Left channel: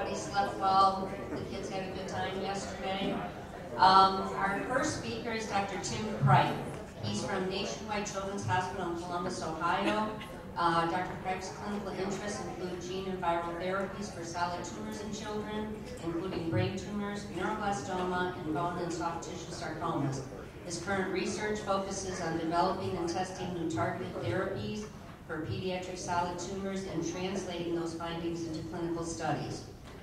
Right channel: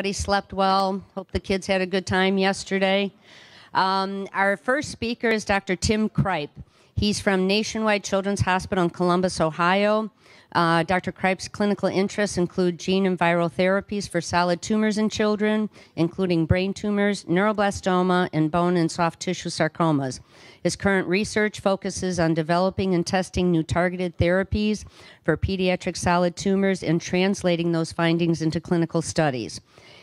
Everybody slept well. Hope the kids had a good time yesterday. Our first speaker is Dr. Tim Cripe. He's from Nationwide Children's Hospital in Columbus, Ohio. Dr. Cripe's clinical interests include gene and viral therapies for solid tumors in children, including brain tumors, neuroblastoma, and bone and soft tissue sarcomas. His current research focuses on developing and testing new targeted therapies for pediatric solid tumors and translating those findings into clinical studies.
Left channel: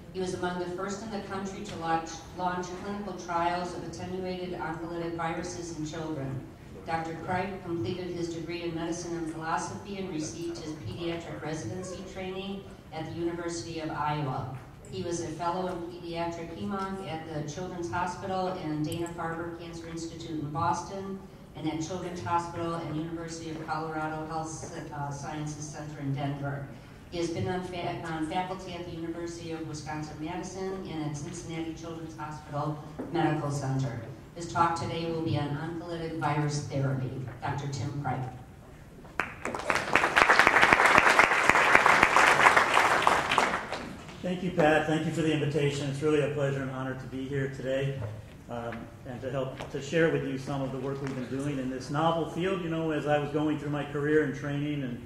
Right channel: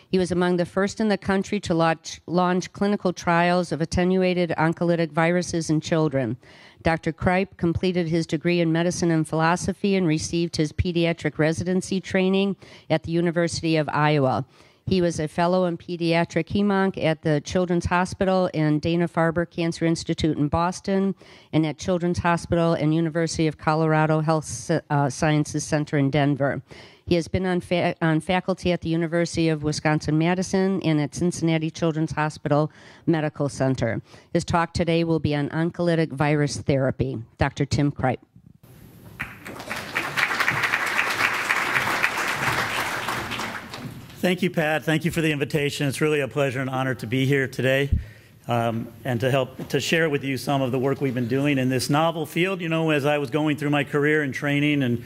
He was among the first in the country to launch clinical trials of attenuated oncolytic viruses in children. Dr. Cripe completed his degree in medicine and philosophy and received his pediatric residency training at the University of Iowa. He was a fellow in pediatric hemonc at the Children's Hospital and Dana-Farber Cancer Institute in Boston, and at Children's Hospital and University of Colorado Health Sciences Center in Denver. He has been on faculty at the University of Wisconsin-Madison and at Cincinnati Children's Hospital Medical Center. His talk today will be on oncolytic virus therapy. Dr. Tim Cripe. Thank you, Pat. Thank you for the invitation. It's really a pleasure and honor to be here today and to help to share with you some of the work we've been doing in this novel field. You know, as I was going through my career and training and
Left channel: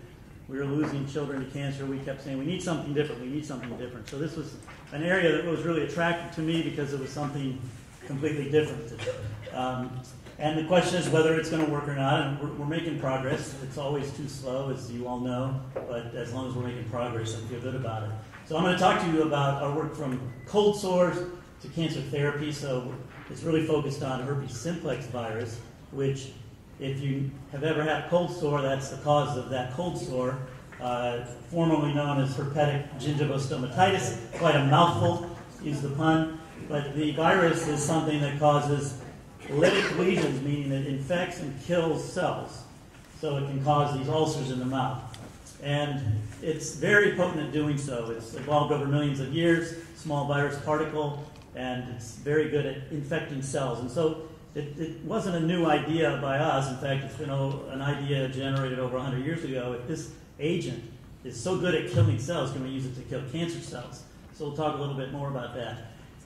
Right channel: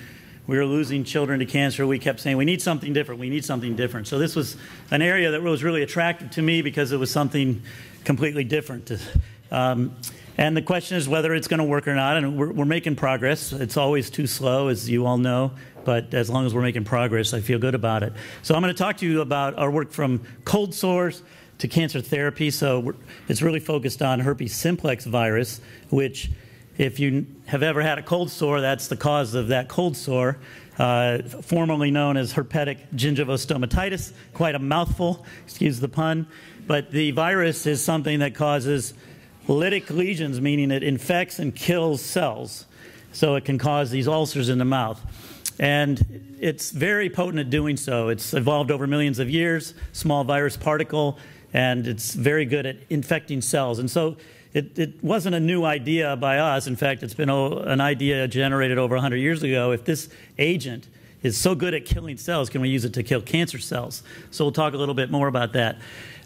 we were losing children to cancer, we kept saying, we need something different, we need something different. So this was an area that was really attractive to me because it was something completely different. And the question is whether it's going to work or not, and we're making progress. It's always too slow, as you all know, but as long as we're making progress, I feel good about it. So I'm going to talk to you about our work from cold sores to cancer therapy. So it's really focused on herpes simplex virus, which if you have ever had a cold sore, that's the cause of that cold sore, formerly known as herpetic gingivostomatitis. Quite a mouthful, excuse the pun. But the virus is something that causes lytic lesions, meaning it infects and kills cells. So it can cause these ulcers in the mouth. And it's very potent at doing so. It's evolved over millions of years, small virus particle, and it's very good at infecting cells. And so it wasn't a new idea by us. In fact, it's been an idea generated over 100 years ago. If this agent is so good at killing cells, can we use it to kill cancer cells? So we'll talk a little bit more about that.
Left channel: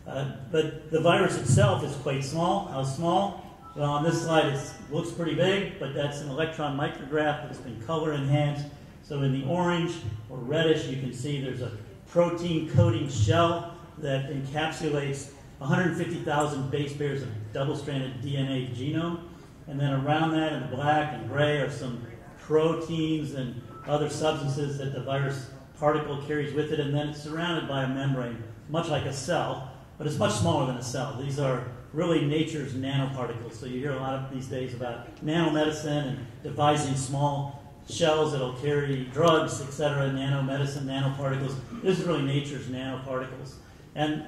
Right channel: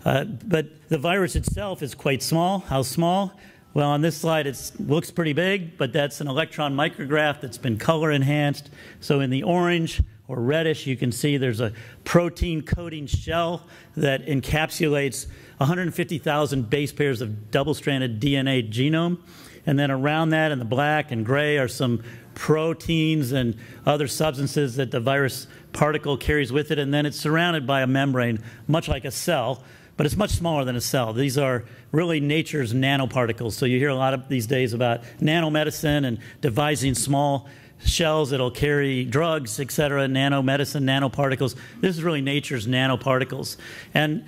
But the virus itself is quite small. How small? Well, on this slide, it looks pretty big, but that's an electron micrograph that's been color enhanced. So in the orange or reddish, you can see there's a protein coating shell that encapsulates 150,000 base pairs of double-stranded DNA genome. And then around that in the black and gray are some proteins and other substances that the virus particle carries with it. And then it's surrounded by a membrane, much like a cell, but it's much smaller than a cell. These are really nature's nanoparticles. So you hear a lot of these days about nanomedicine and devising small shells that'll carry drugs, et cetera, nanomedicine, nanoparticles. This is really nature's nanoparticles. And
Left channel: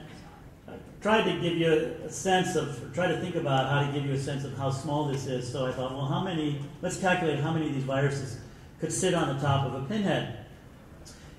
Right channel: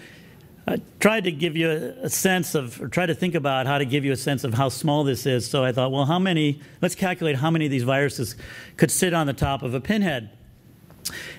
I tried to give you a sense of, or try to think about how to give you a sense of how small this is. So I thought, well, let's calculate how many of these viruses could sit on the top of a pinhead.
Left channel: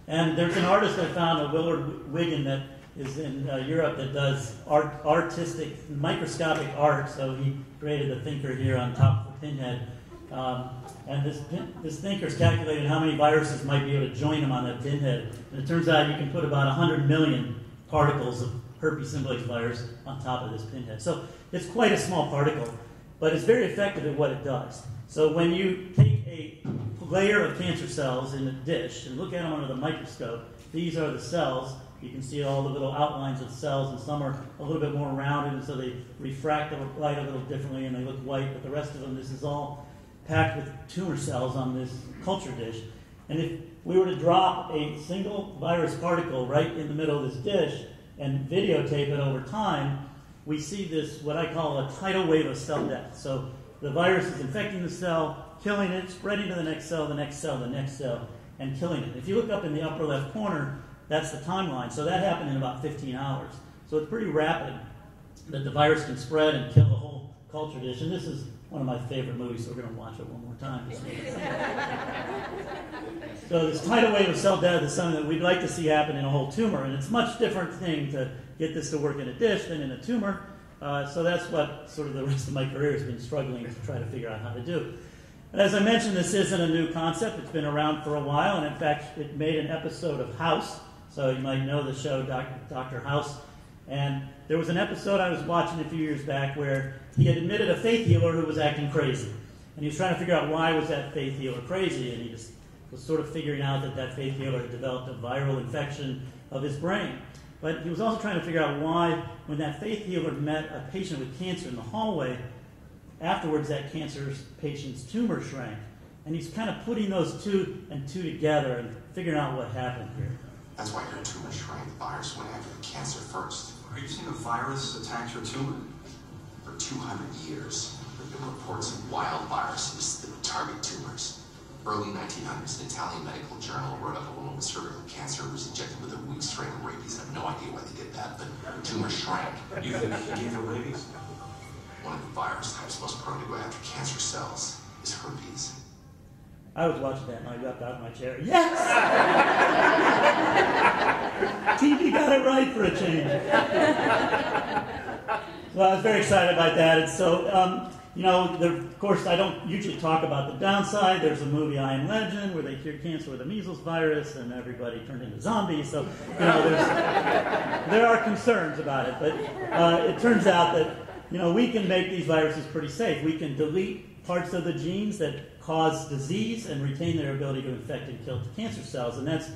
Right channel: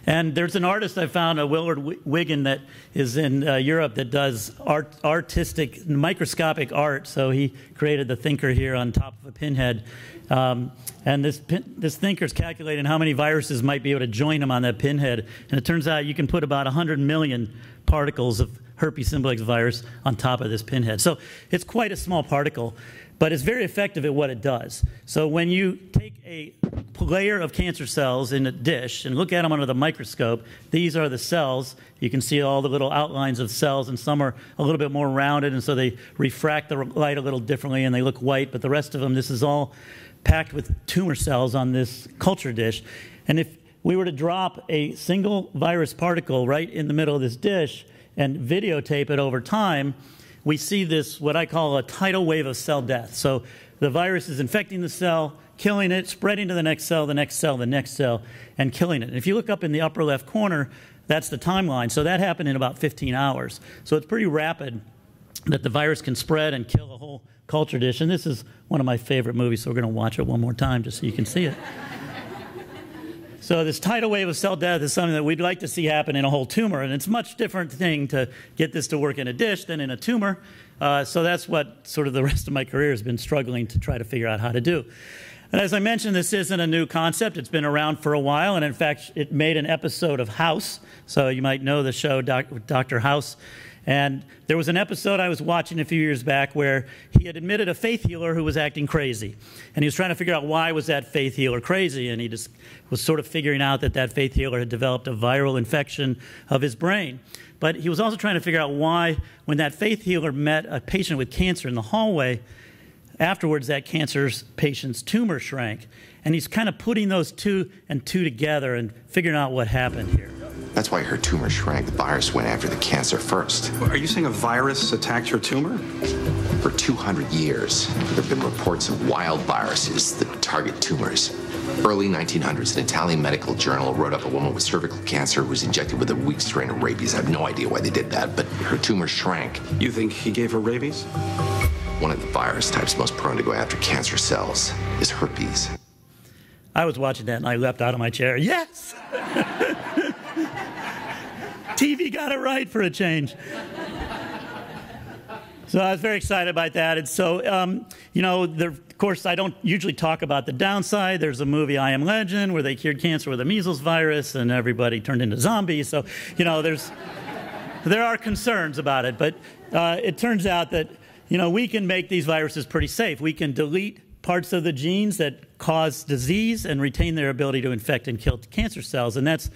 And there's an artist I found, Willard Wiggin, that is in Europe that does artistic, microscopic art. So he created the thinker here on top of the pinhead. And this thinker's calculated how many viruses might be able to join them on that pinhead. And it turns out you can put about 100 million particles of herpes simplex virus on top of this pinhead. So it's quite a small particle, but it's very effective at what it does. So when you take a layer of cancer cells in a dish and look at them under the microscope, these are the cells. You can see all the little outlines of cells, and some are a little bit more rounded, and so they refract the light a little differently, and they look white, but the rest of them, this is all packed with tumor cells on this culture dish. And if we were to drop a single virus particle right in the middle of this dish and videotape it over time, we see this, what I call a tidal wave of cell death. So the virus is infecting the cell, killing it, spreading to the next cell, the next cell, the next cell, and killing it. And if you look up in the upper left corner, that's the timeline. So that happened in about 15 hours. So it's pretty rapid that the virus can spread and kill the whole culture dish. And this is one of my favorite movies, so we're going to watch it one more time just so you can see it. So this tidal wave of cell death is something that we'd like to see happen in a whole tumor, and it's a much different thing to get this to work in a dish than in a tumor. So that's what sort of the rest of my career has been struggling to try to figure out how to do. And as I mentioned, this isn't a new concept. It's been around for a while, and in fact, it made an episode of House So you might know the show Dr. House. And there was an episode I was watching a few years back where he had admitted a faith healer who was acting crazy. And he was trying to figure out why was that faith healer crazy. And he just was sort of figuring out that that faith healer had developed a viral infection of his brain. But he was also trying to figure out why, when that faith healer met a patient with cancer in the hallway, afterwards that cancer's patient's tumor shrank. And he's kind of putting those two and two together and figuring out what happened here. That's why her tumor shrank. The virus went after the cancer first. Are you saying a virus attacked your tumor? For 200 years, there have been reports of wild viruses that target tumors. Early 1900s, an Italian medical journal wrote up a woman with cervical cancer who was injected with a weak strain of rabies. I have no idea why they did that, but her tumor shrank. You think he gave her rabies? One of the virus types most prone to go after cancer cells is herpes. I was watching that and I leapt out of my chair. Yes! TV got it right for a change. So I was very excited about that. And so, you know, of course, I don't usually talk about the downside. There's a movie, I Am Legend, where they cured cancer with a measles virus and everybody turned into zombies. So, you know, there are concerns about it. But it turns out that, you know, we can make these viruses pretty safe. We can delete parts of the genes that cause disease and retain their ability to infect and kill cancer cells. And that's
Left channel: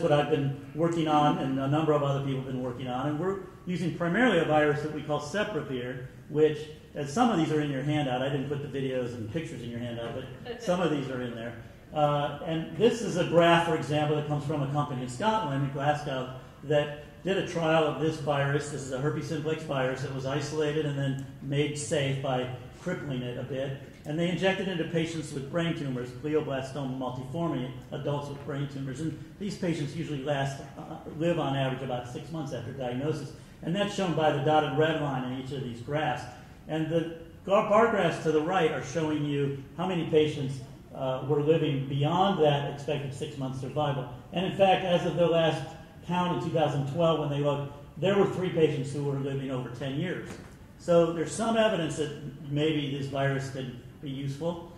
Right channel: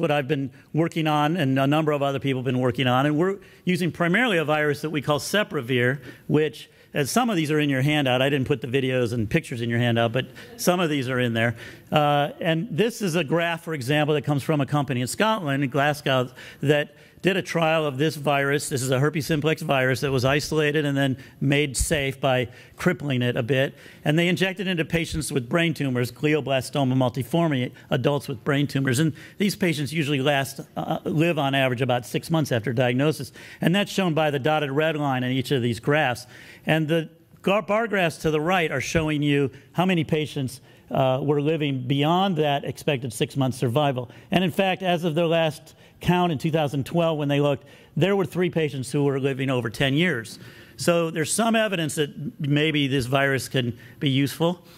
what I've been working on, and a number of other people have been working on. And we're using primarily a virus that we call SEPREHVIR, which, as some of these are in your handout, I didn't put the videos and pictures in your handout, but some of these are in there. And this is a graph, for example, that comes from a company in Scotland, in Glasgow, that did a trial of this virus. This is a herpes simplex virus that was isolated and then made safe by crippling it a bit. And they injected it into patients with brain tumors, glioblastoma multiforme, adults with brain tumors. And these patients usually live on average about 6 months after diagnosis. And that's shown by the dotted red line in each of these graphs. And the bar graphs to the right are showing you how many patients were living beyond that expected 6-month survival. And in fact, as of their last count in 2012, when they looked, there were 3 patients who were living over 10 years. So there's some evidence that maybe this virus can be useful.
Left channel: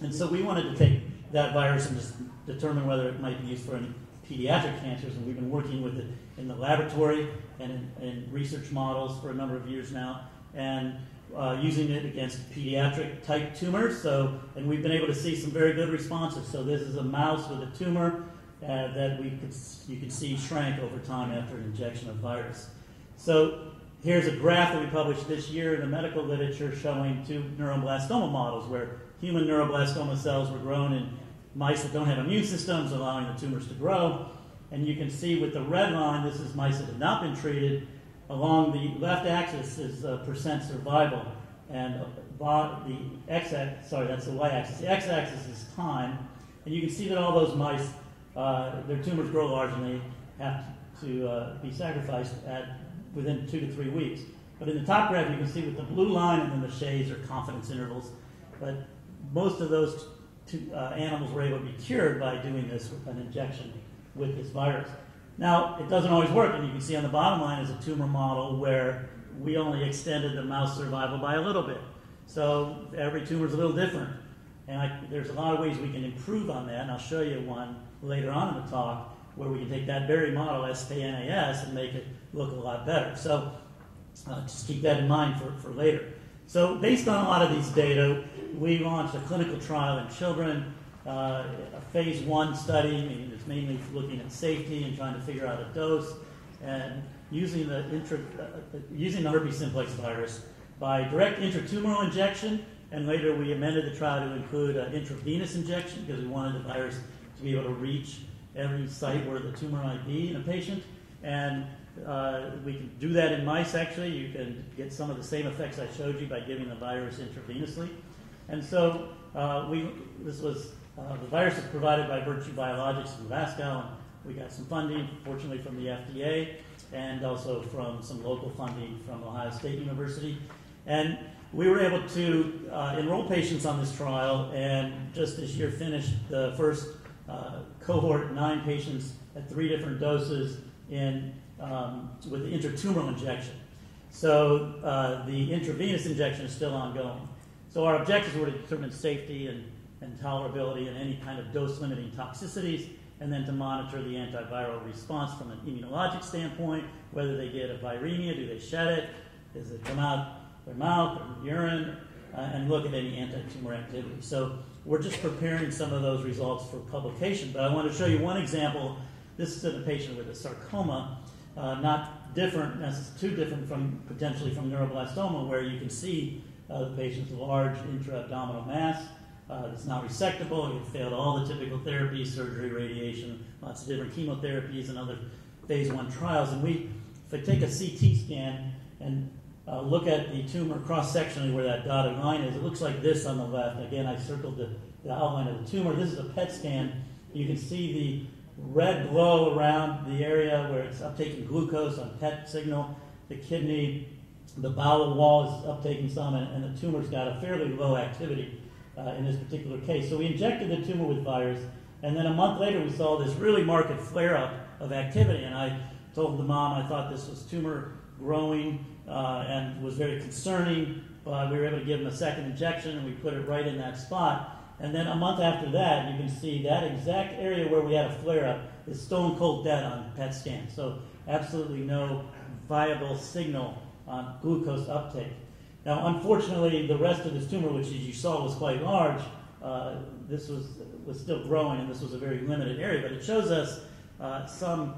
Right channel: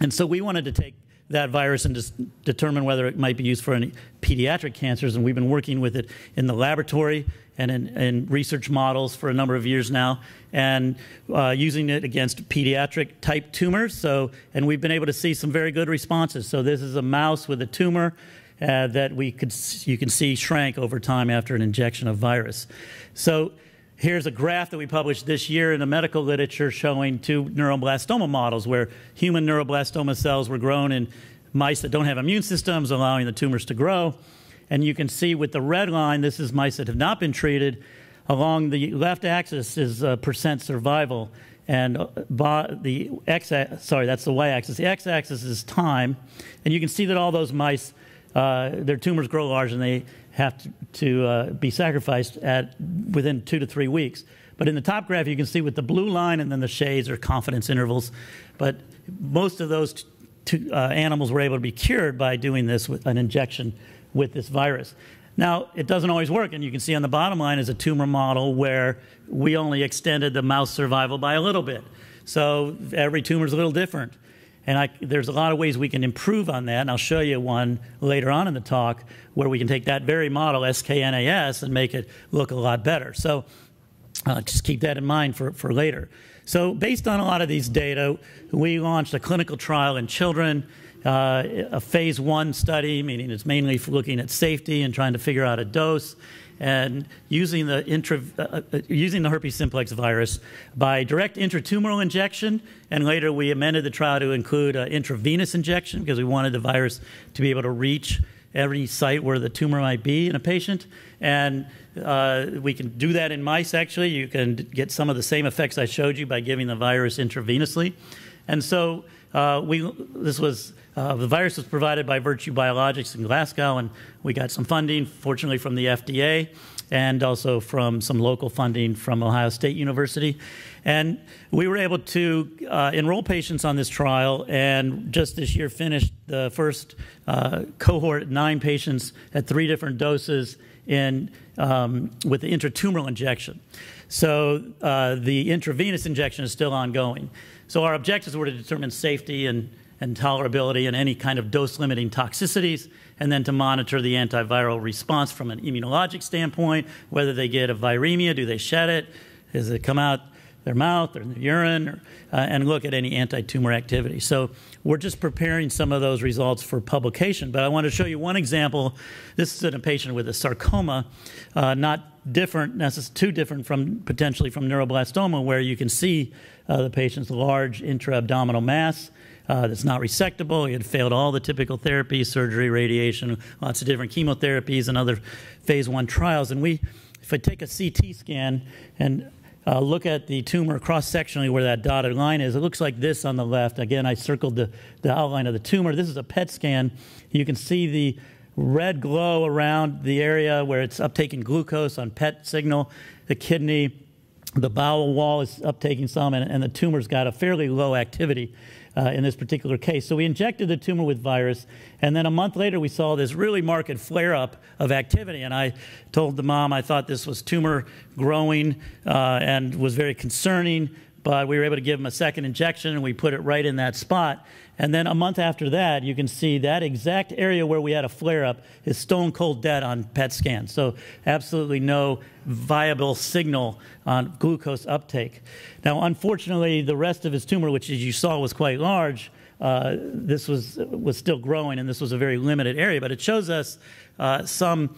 And so we wanted to take that virus and just determine whether it might be used for any pediatric cancers. And we've been working with it in the laboratory and in research models for a number of years now, and using it against pediatric type tumors. And we've been able to see some very good responses. So this is a mouse with a tumor that you can see shrank over time after an injection of virus. So here's a graph that we published this year in the medical literature showing 2 neuroblastoma models where human neuroblastoma cells were grown in mice that don't have immune systems, allowing the tumors to grow. And you can see with the red line, this is mice that have not been treated. Along the left axis is percent survival, and the that's the y-axis. The x-axis is time, and you can see that all those mice, their tumors grow large and they have to be sacrificed within 2 to 3 weeks. But in the top graph, you can see with the blue line and then the shades are confidence intervals. But most of those animals were able to be cured by doing this with an injection with this virus. Now, it doesn't always work, and you can see on the bottom line is a tumor model where we only extended the mouse survival by a little bit. So every tumor is a little different. And there's a lot of ways we can improve on that, and I'll show you one later on in the talk where we can take that very model, SKNAS, and make it look a lot better. So just keep that in mind for later. So based on a lot of these data, we launched a clinical trial in children, a phase 1 study, meaning it's mainly for looking at safety and trying to figure out a dose, and using the herpes simplex virus by direct intratumoral injection. And later we amended the trial to include intravenous injection because we wanted the virus to be able to reach every site where the tumor might be in a patient. And we can do that in mice, actually. You can get some of the same effects I showed you by giving the virus intravenously. And so the virus was provided by Virtue Biologics in Glasgow, and we got some funding, fortunately, from the FDA and also from some local funding from Ohio State University. And we were able to enroll patients on this trial, and just this year finished the first cohort, 9 patients at 3 different doses with the intratumoral injection. So the intravenous injection is still ongoing. So our objectives were to determine safety and tolerability and any kind of dose-limiting toxicities, and then to monitor the antiviral response from an immunologic standpoint, whether they get a viremia, do they shed it, does it come out their mouth or their urine, and look at any anti-tumor activity. So we're just preparing some of those results for publication. But I want to show you one example. This is in a patient with a sarcoma, not different, too different from potentially from neuroblastoma, where you can see the patient's large intra-abdominal mass that's not resectable. He had failed all the typical therapies, surgery, radiation, lots of different chemotherapies and other phase 1 trials. And if I take a CT scan and look at the tumor cross-sectionally where that dotted line is, it looks like this on the left. Again, I circled the outline of the tumor. This is a PET scan. You can see the red glow around the area where it's uptaking glucose on PET signal. The kidney, the bowel wall is uptaking some, and the tumor's got a fairly low activity in this particular case. So we injected the tumor with virus, and then a month later we saw this really marked flare-up of activity. And I told the mom I thought this was tumor growing and was very concerning, but we were able to give him a second injection, and we put it right in that spot. And then a month after that, you can see that exact area where we had a flare-up is stone cold dead on PET scan. So absolutely no viable signal on glucose uptake. Now, unfortunately, the rest of his tumor, which as you saw was quite large, this was still growing, and this was a very limited area. But it shows us some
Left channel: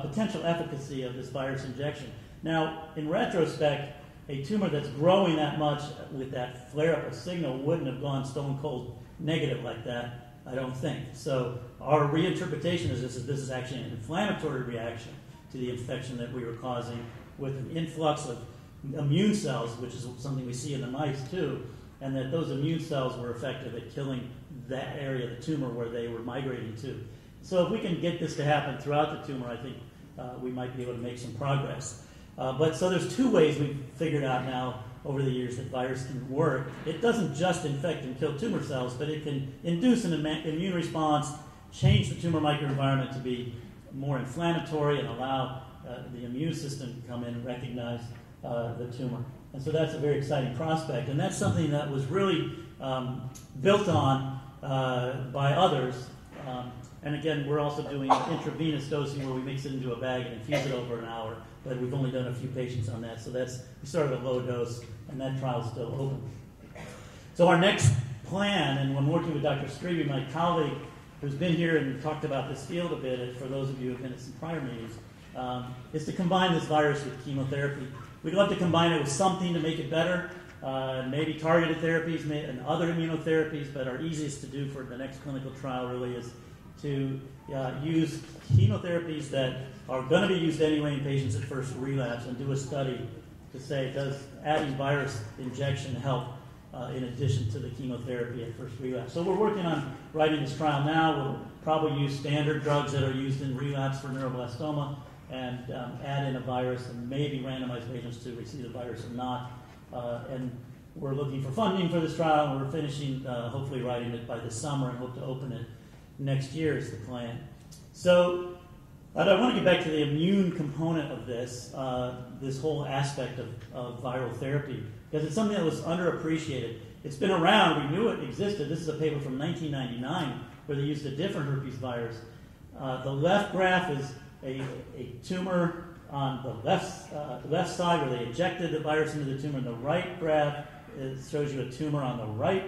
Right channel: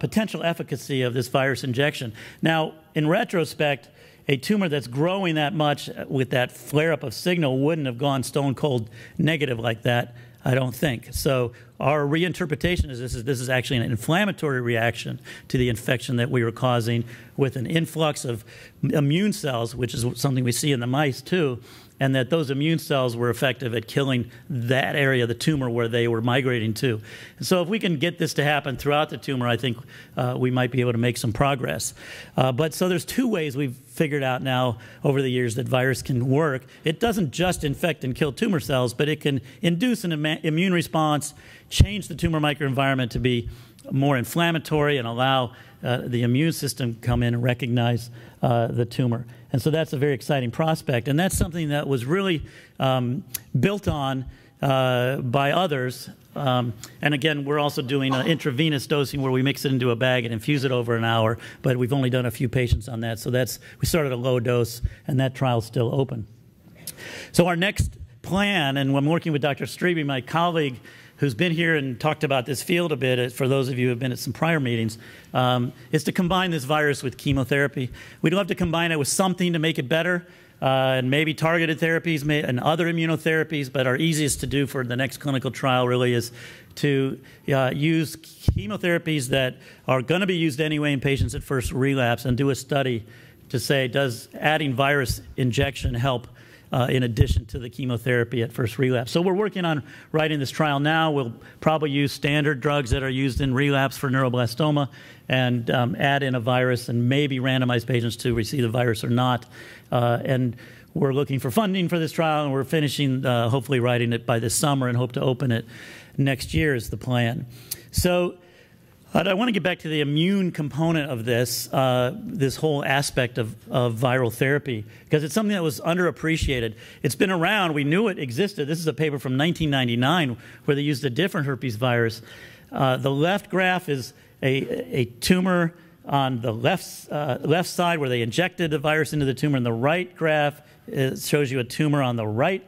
potential efficacy of this virus injection. Now, in retrospect, a tumor that's growing that much with that flare-up of signal wouldn't have gone stone cold negative like that, I don't think. So our reinterpretation is this is actually an inflammatory reaction to the infection that we were causing with an influx of immune cells, which is something we see in the mice too, and that those immune cells were effective at killing that area of the tumor where they were migrating to. And so if we can get this to happen throughout the tumor, I think we might be able to make some progress. So there's two ways we've figured out now over the years that virus can work. It doesn't just infect and kill tumor cells, but it can induce an immune response, change the tumor microenvironment to be more inflammatory, and allow the immune system to come in and recognize the tumor. And so that's a very exciting prospect. And that's something that was really built on by others. And again, we're also doing intravenous dosing where we mix it into a bag and infuse it over an hour. But we've only done a few patients on that. So we started a low dose, and that trial's still open. So our next plan, and I'm working with Dr. Streby, my colleague, who's been here and talked about this field a bit, for those of you who have been at some prior meetings, is to combine this virus with chemotherapy. We'd love to combine it with something to make it better, and maybe targeted therapies and other immunotherapies, but our easiest to do for the next clinical trial really is to use chemotherapies that are going to be used anyway in patients at first relapse, and do a study to say, does adding virus injection help in addition to the chemotherapy at first relapse. So we're working on writing this trial now. We'll probably use standard drugs that are used in relapse for neuroblastoma, and add in a virus and maybe randomize patients to receive the virus or not. And we're looking for funding for this trial, and we're finishing, hopefully writing it by this summer, and hope to open it next year is the plan. So I want to get back to the immune component of this, this whole aspect of viral therapy, because it's something that was underappreciated. It's been around. We knew it existed. This is a paper from 1999 where they used a different herpes virus. The left graph is a tumor on the left side where they injected the virus into the tumor, and the right graph shows you a tumor on the right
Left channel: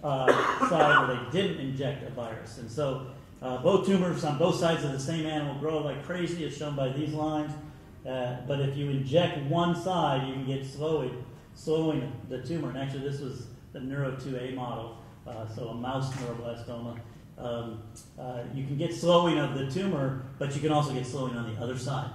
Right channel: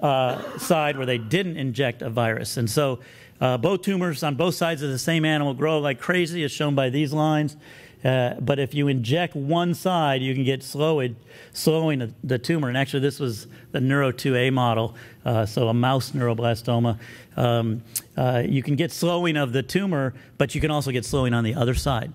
side where they didn't inject a virus. And so both tumors on both sides of the same animal grow like crazy, as shown by these lines. But if you inject one side, you can get slowing the tumor. And actually, this was the Neuro2A model, so a mouse neuroblastoma. You can get slowing of the tumor, but you can also get slowing on the other side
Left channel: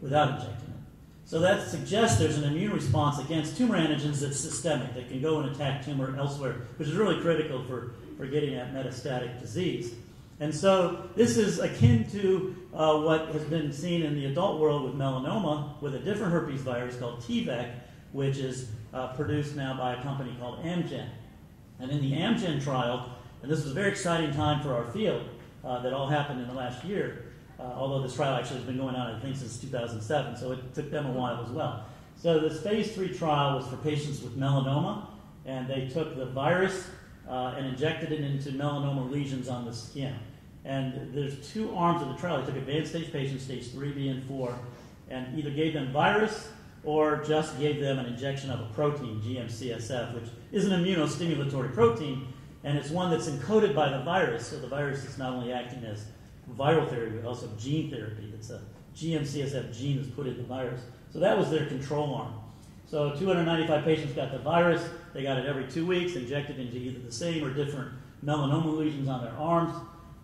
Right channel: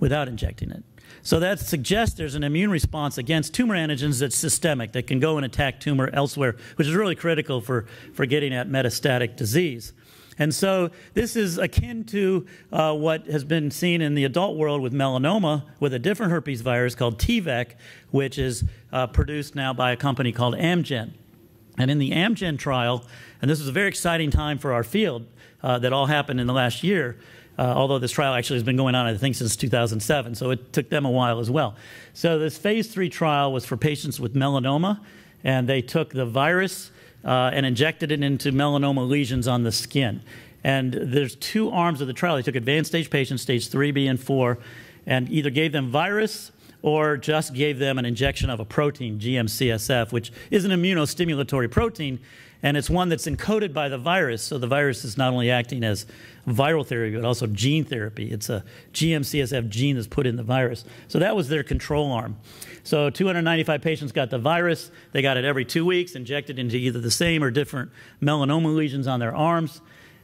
without injecting it. So that suggests there's an immune response against tumor antigens that's systemic, that can go and attack tumor elsewhere, which is really critical for getting at metastatic disease. And so this is akin to what has been seen in the adult world with melanoma with a different herpes virus called TVEC, which is produced now by a company called Amgen. And in the Amgen trial, and this was a very exciting time for our field that all happened in the last year, although this trial actually has been going on, I think, since 2007, so it took them a while as well. So this phase 3 trial was for patients with melanoma, and they took the virus and injected it into melanoma lesions on the skin. And there's two arms of the trial. They took advanced stage patients, stage 3B and 4, and either gave them virus or just gave them an injection of a protein, GM-CSF, which is an immunostimulatory protein, and it's one that's encoded by the virus. So the virus is not only acting as viral therapy, but also gene therapy. It's a GM-CSF gene that's put in the virus. So that was their control arm. So 295 patients got the virus. They got it every 2 weeks, injected into either the same or different melanoma lesions on their arms.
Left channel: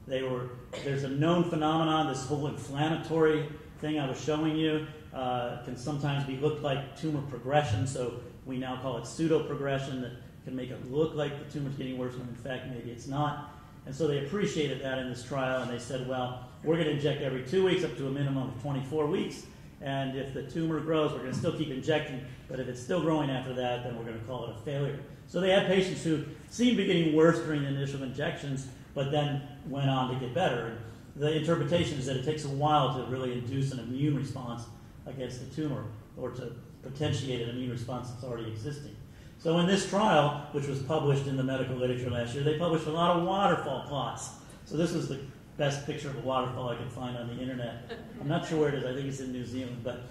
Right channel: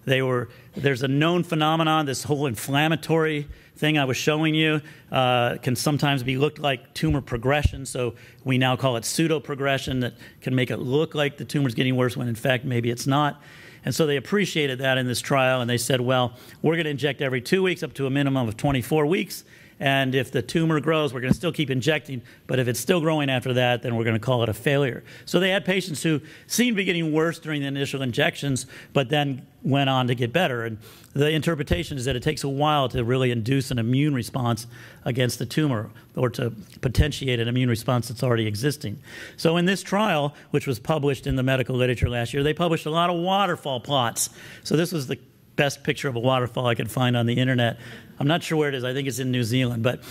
There's a known phenomenon, this whole inflammatory thing I was showing you can sometimes be looked like tumor progression. So we now call it pseudo-progression, that can make it look like the tumor's getting worse when in fact maybe it's not. And so they appreciated that in this trial, and they said, well, we're going to inject every 2 weeks up to a minimum of 24 weeks. And if the tumor grows, we're going to still keep injecting. But if it's still growing after that, then we're going to call it a failure. So they had patients who seemed to be getting worse during the initial injections, but then went on to get better. And the interpretation is that it takes a while to really induce an immune response against the tumor, or to potentiate an immune response that's already existing. So in this trial, which was published in the medical literature last year, they published a lot of waterfall plots. So this was the best picture of a waterfall I could find on the internet. I'm not sure where it is. I think it's in New Zealand. But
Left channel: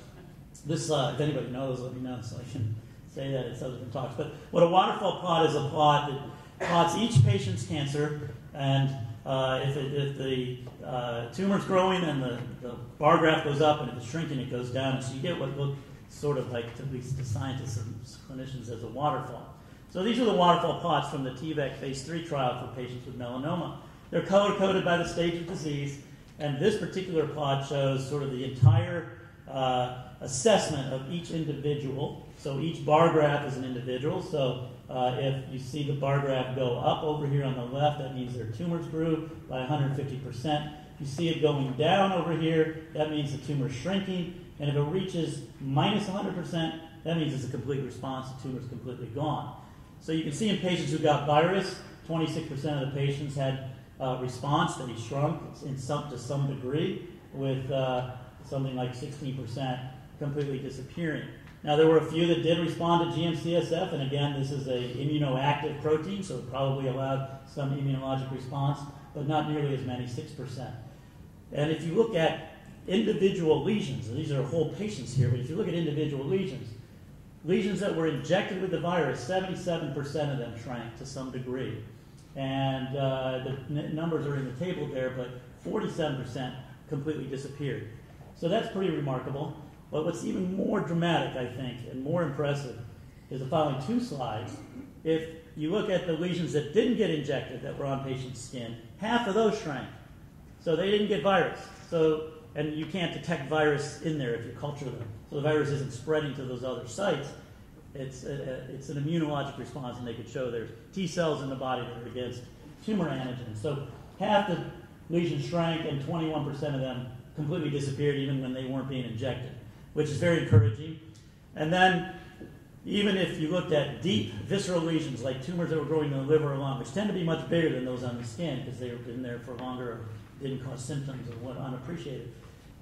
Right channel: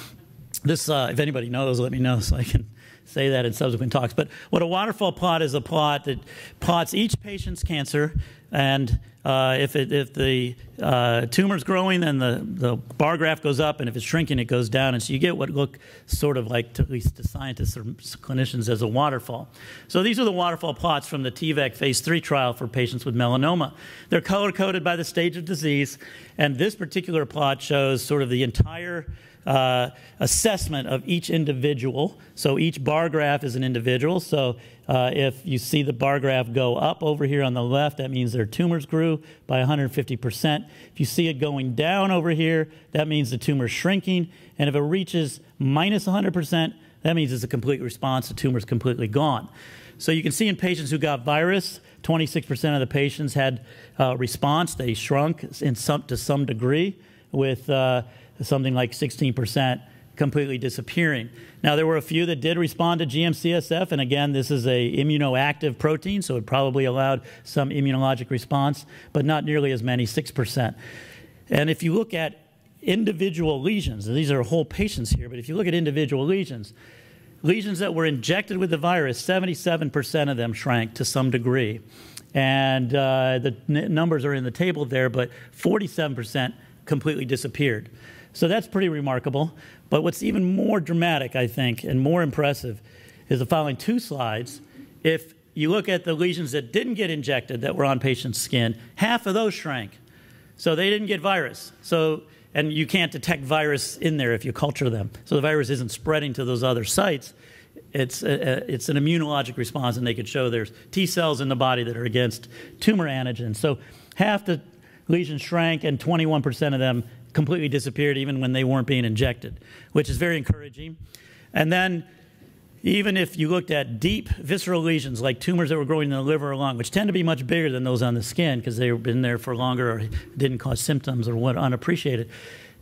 this, if anybody knows, let me know so I can say that in subsequent talks. But what a waterfall plot is, a plot that plots each patient's cancer, and if the tumor's growing, then the bar graph goes up, and if it's shrinking, it goes down. And so you get what look sort of like, at least to scientists or clinicians, as a waterfall. So these are the waterfall plots from the TVEC phase 3 trial for patients with melanoma. They're color-coded by the stage of disease, and this particular plot shows sort of the entire assessment of each individual. So each bar graph is an individual. So if you see the bar graph go up over here on the left, that means their tumors grew by 150%. If you see it going down over here, that means the tumor's shrinking. And if it reaches minus 100%, that means it's a complete response. The tumor's completely gone. So you can see in patients who got virus, 26% of the patients had response. They shrunk to some degree, with something like 16% completely disappearing. Now, there were a few that did respond to GM-CSF, and again, this is a immunoactive protein, so it probably allowed some immunologic response, but not nearly as many, 6%. And if you look at individual lesions, and these are whole patients here, but if you look at individual lesions that were injected with the virus, 77% of them shrank to some degree. And the numbers are in the table there, but 47% completely disappeared. So that's pretty remarkable. But what's even more dramatic, I think, and more impressive is the following two slides. If you look at the lesions that didn't get injected that were on patients' skin, half of those shrank. So they didn't get virus. And you can't detect virus in there if you culture them. So the virus isn't spreading to those other sites. It's an immunologic response, and they could show there's T cells in the body that are against tumor antigens. So half the lesions shrank, and 21% of them completely disappeared even when they weren't being injected, which is very encouraging. And then even if you looked at deep visceral lesions, like tumors that were growing in the liver or lung, which tend to be much bigger than those on the skin because they've been there for longer or didn't cause symptoms or what unappreciated,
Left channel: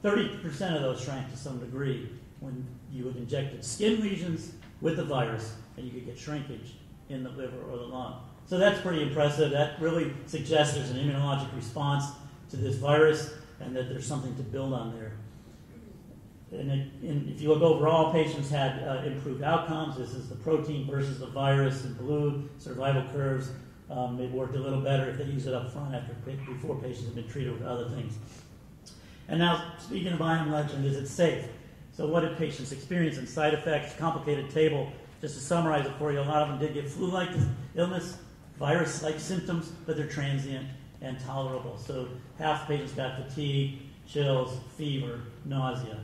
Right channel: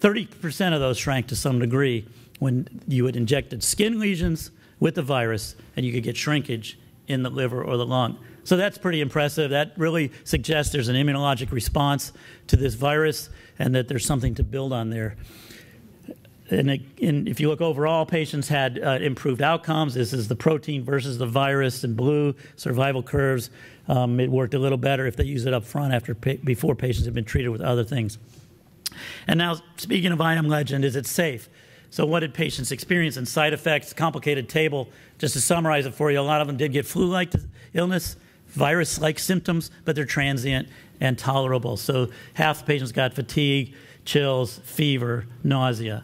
30% of those shrank to some degree when you had injected skin lesions with the virus, and you could get shrinkage in the liver or the lung. So that's pretty impressive. That really suggests there's an immunologic response to this virus and that there's something to build on there. And if you look overall, patients had improved outcomes. This is the protein versus the virus in blue, survival curves. It worked a little better if they use it up front before patients have been treated with other things. And now, speaking of IM legend, is it safe? So what did patients experience in side effects? Complicated table. Just to summarize it for you, a lot of them did get flu-like illness, virus-like symptoms, but they're transient and tolerable. So half the patients got fatigue, chills, fever, nausea,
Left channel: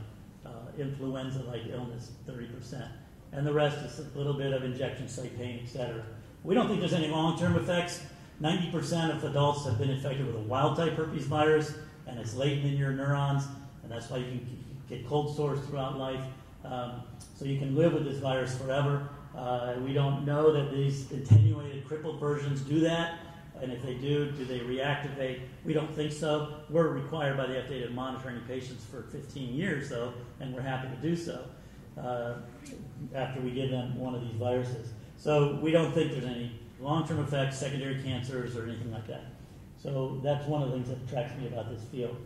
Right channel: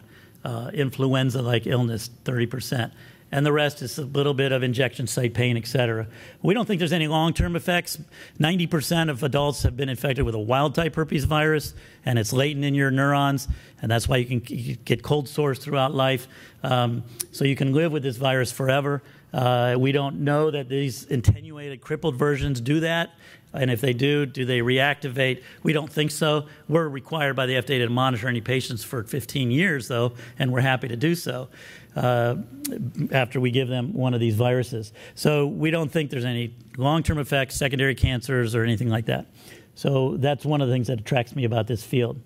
influenza-like illness, 30%. And the rest is a little bit of injection site pain, et cetera. We don't think there's any long-term effects. 90% of adults have been infected with a wild-type herpes virus, and it's latent in your neurons, and that's why you can get cold sores throughout life. So you can live with this virus forever. We don't know that these attenuated, crippled versions do that. And if they do they reactivate? We don't think so. We're required by the FDA to monitor any patients for 15 years, though, and we're happy to do so after we give them one of these viruses. So we don't think there's any long-term effects, secondary cancers, or anything like that. So that's one of the things that attracts me about this field.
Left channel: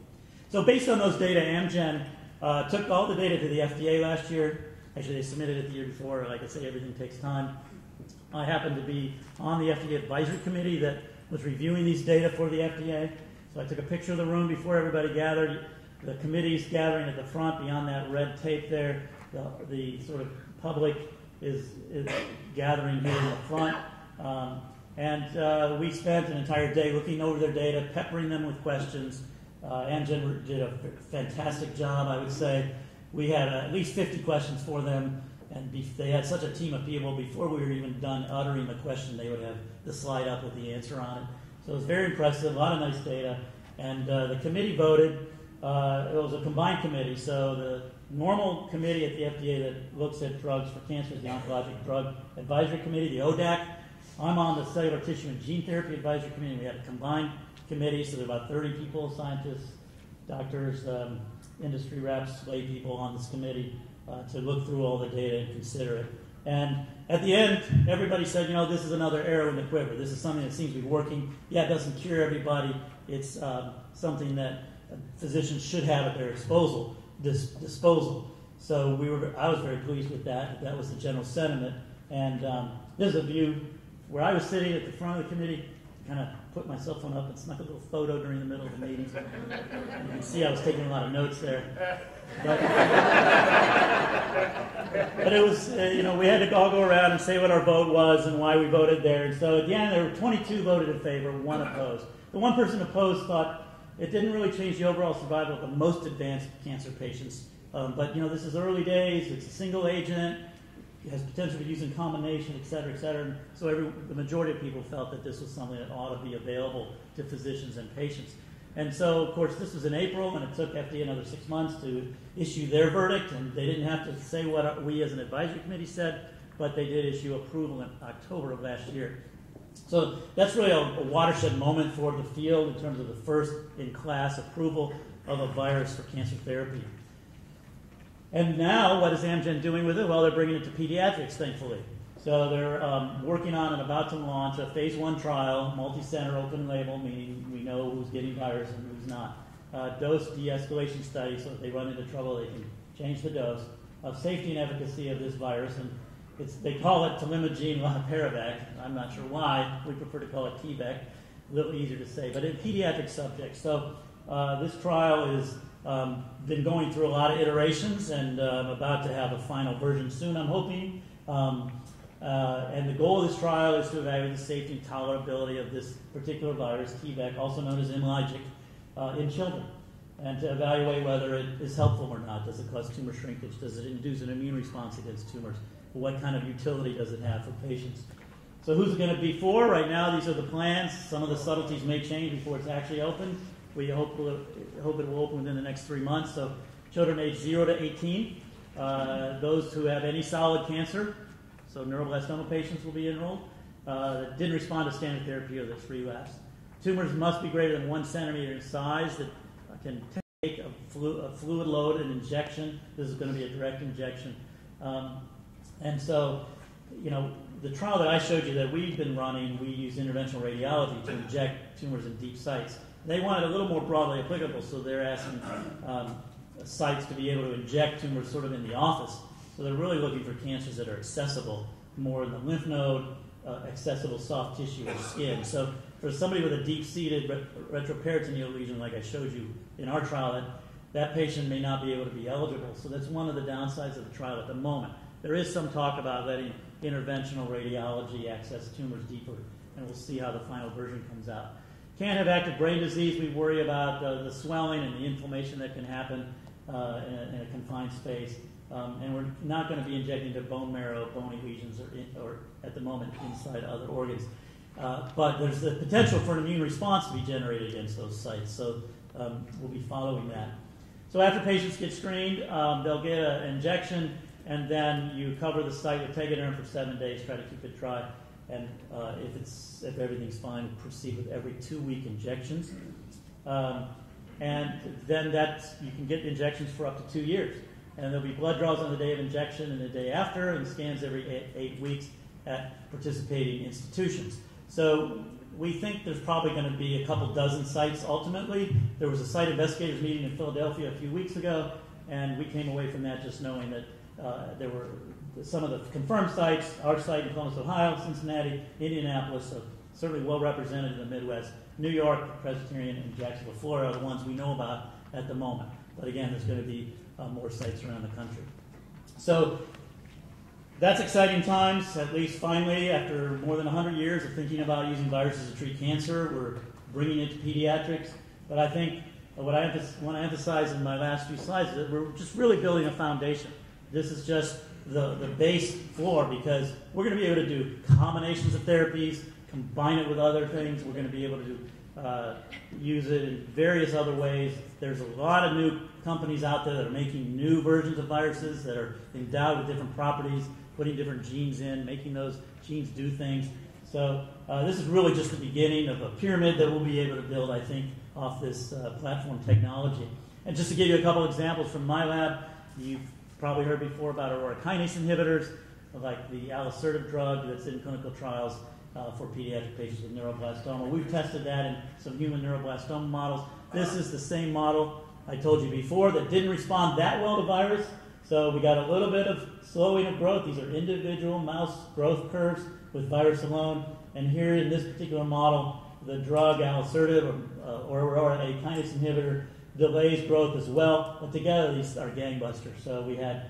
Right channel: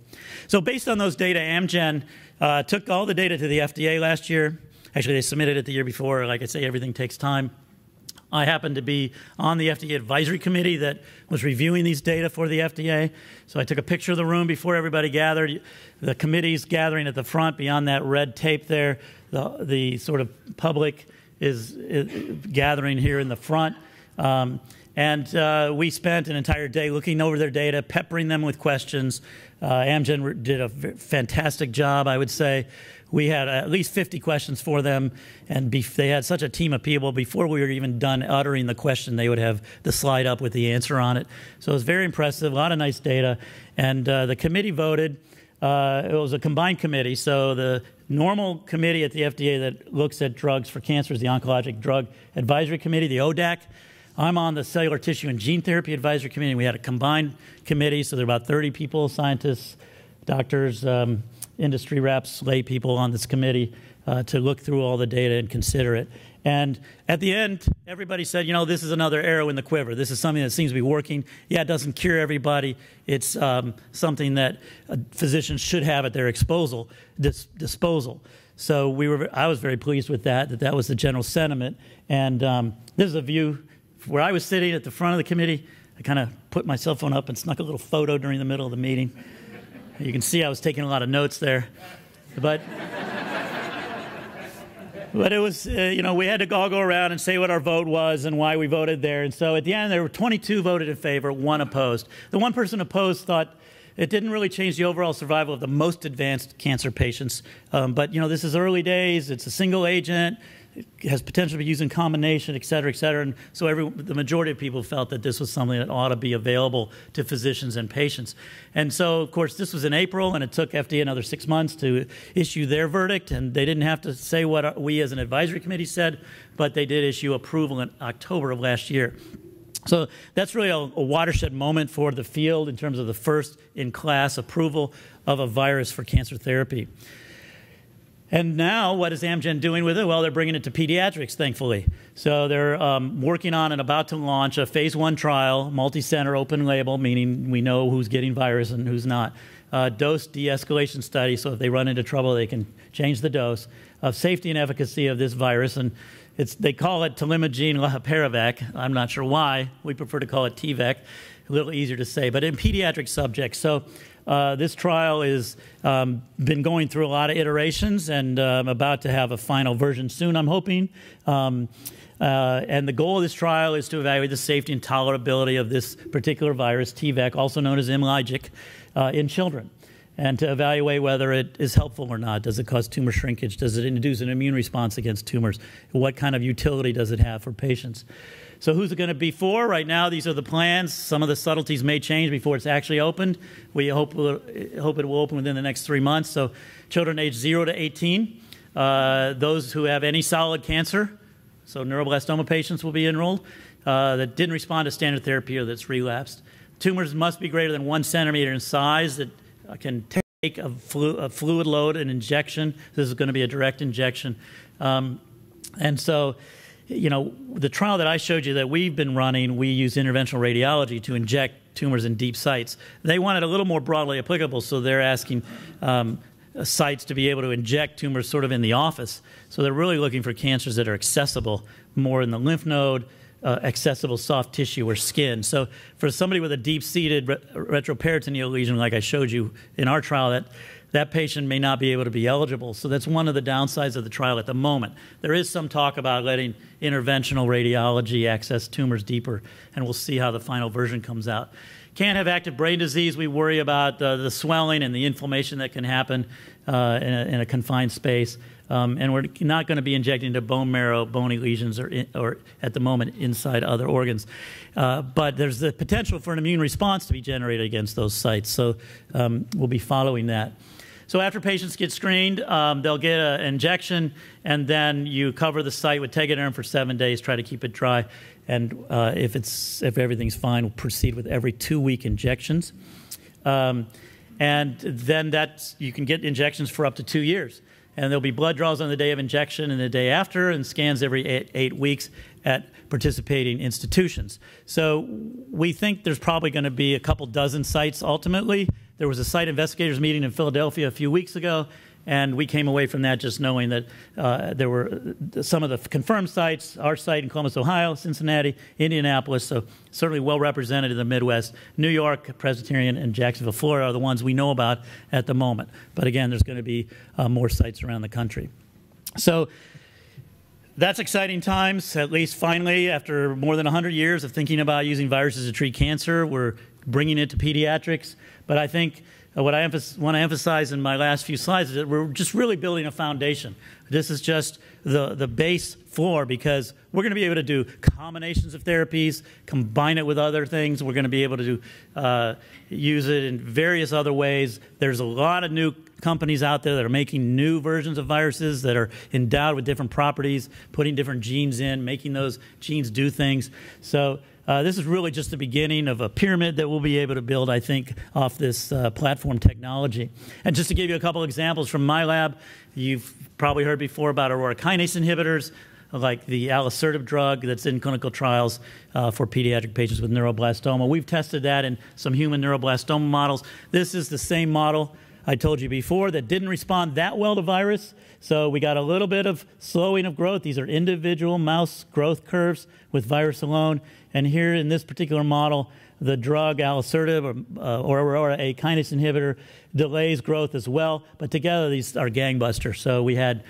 So based on those data, Amgen took all the data to the FDA last year. Actually, they submitted it the year before. Like I say, everything takes time. I happened to be on the FDA advisory committee that was reviewing these data for the FDA. So I took a picture of the room before everybody gathered. The committee's gathering at the front. Beyond that red tape there, the sort of public is gathering here in the front. We spent an entire day looking over their data, peppering them with questions. Amgen did a fantastic job, I would say. We had at least 50 questions for them, and they had such a team of people. Before we were even done uttering the question, they would have the slide up with the answer on it. So it was very impressive, a lot of nice data. And the committee voted. It was a combined committee, so the normal committee at the FDA that looks at drugs for cancer is the Oncologic Drug Advisory Committee, the ODAC. I'm on the Cellular Tissue and Gene Therapy Advisory Committee. We had a combined committee, so there are about 30 people, scientists, doctors, industry reps, lay people on this committee to look through all the data and consider it. And at the end, everybody said, you know, this is another arrow in the quiver. This is something that seems to be working. Yeah, it doesn't cure everybody. It's something that physicians should have at their disposal. So I was very pleased with that was the general sentiment. And there's a view where I was sitting at the front of the committee. I kind of put my cell phone up and snuck a little photo during the middle of the meeting. You can see I was taking a lot of notes there. But it was, you know, we had to all go around and say what our vote was and why we voted there. And so at the end, there were 22 voted in favor, 1 opposed. The one person opposed thought it didn't really change the overall survival of the most advanced cancer patients. But, you know, this is early days. It's a single agent. It has potential to be used in combination, et cetera, et cetera. And so the majority of people felt that this was something that ought to be available to physicians and patients. And so, of course, this was in April, and it took FDA another 6 months to issue their verdict. And they didn't have to say what we as an advisory committee said, but they did issue approval in October of last year. So that's really a watershed moment for the field in terms of the first-in-class approval of a virus for cancer therapy. And now, what is Amgen doing with it? Well, they're bringing it to pediatrics, thankfully. So they're working on and about to launch a phase 1 trial, multi-center, open label, meaning we know who's getting virus and who's not. Dose de-escalation study, so if they run into trouble, they can change the dose. Of safety and efficacy of this virus, and they call it Telimagene Lahaparavac. I'm not sure why. We prefer to call it TVEC. A little easier to say, but in pediatric subjects. So this trial has been going through a lot of iterations, and I'm about to have a final version soon, I'm hoping. And the goal of this trial is to evaluate the safety and tolerability of this particular virus, TVEC, also known as Imlygic, in children, and to evaluate whether it is helpful or not. Does it cause tumor shrinkage? Does it induce an immune response against tumors? What kind of utility does it have for patients? So who's it going to be for? Right now, these are the plans. Some of the subtleties may change before it's actually opened. We hope it will open within the next 3 months. So children aged 0 to 18, those who have any solid cancer, so neuroblastoma patients will be enrolled, that didn't respond to standard therapy or that's relapsed. Tumors must be greater than 1 centimeter in size that can take a fluid load, an injection. This is going to be a direct injection. And so, you know, the trial that I showed you that we've been running, we use interventional radiology to inject tumors in deep sites. They want it a little more broadly applicable, so they're asking sites to be able to inject tumors sort of in the office. So they're really looking for cancers that are accessible, more in the lymph node, accessible soft tissue or skin. So for somebody with a deep-seated retroperitoneal lesion, like I showed you in our trial, that patient may not be able to be eligible. So that's one of the downsides of the trial at the moment. There is some talk about letting interventional radiology access tumors deeper, and we'll see how the final version comes out. Can't have active brain disease. We worry about the swelling and the inflammation that can happen in a confined space. And we're not going to be injecting into bone marrow, bony lesions, or at the moment inside other organs. But there's the potential for an immune response to be generated against those sites. So we'll be following that. So after patients get screened, they'll get an injection, and then you cover the site with Tegaderm for 7 days, try to keep it dry. And if everything's fine, we'll proceed with every 2-week injections. And then you can get injections for up to 2 years. And there'll be blood draws on the day of injection and the day after, and scans every 8 weeks. at participating institutions. So we think there's probably going to be a couple dozen sites ultimately. There was a site investigators meeting in Philadelphia a few weeks ago, and we came away from that just knowing that there were some of the confirmed sites, our site in Columbus, Ohio, Cincinnati, Indianapolis, so certainly well represented in the Midwest. New York, Presbyterian, and Jacksonville, Florida are the ones we know about at the moment. But again, there's going to be more sites around the country. So that's exciting times, at least finally, after more than 100 years of thinking about using viruses to treat cancer, we're bringing it to pediatrics. But I think what I want to emphasize in my last few slides is that we're just really building a foundation. This is just the base floor, because we're going to be able to do combinations of therapies, combine it with other things. We're going to be able to use it in various other ways. There's a lot of new companies out there that are making new versions of viruses that are endowed with different properties, putting different genes in, making those genes do things. So this is really just the beginning of a pyramid that we'll be able to build, I think, off this platform technology. And just to give you a couple examples from my lab, you've probably heard before about Aurora kinase inhibitors, like the alisertib drug that's in clinical trials for pediatric patients with neuroblastoma. We've tested that in some human neuroblastoma models. This is the same model I told you before that didn't respond that well to virus. So we got a little bit of slowing of growth. These are individual mouse growth curves with virus alone. And here in this particular model, the drug alisertib or Aurora A kinase inhibitor delays growth as well. But together, these are gangbusters. So we had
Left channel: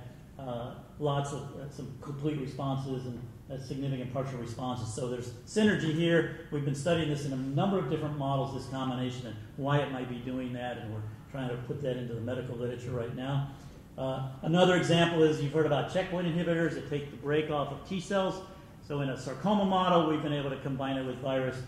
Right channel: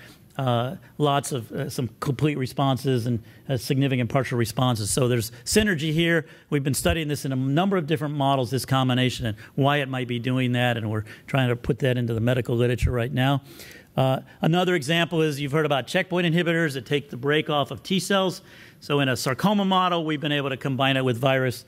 lots of some complete responses and significant partial responses. So there's synergy here. We've been studying this in a number of different models, this combination, and why it might be doing that, and we're trying to put that into the medical literature right now. Another example is you've heard about checkpoint inhibitors that take the brake off of T cells. So in a sarcoma model, we've been able to combine it with virus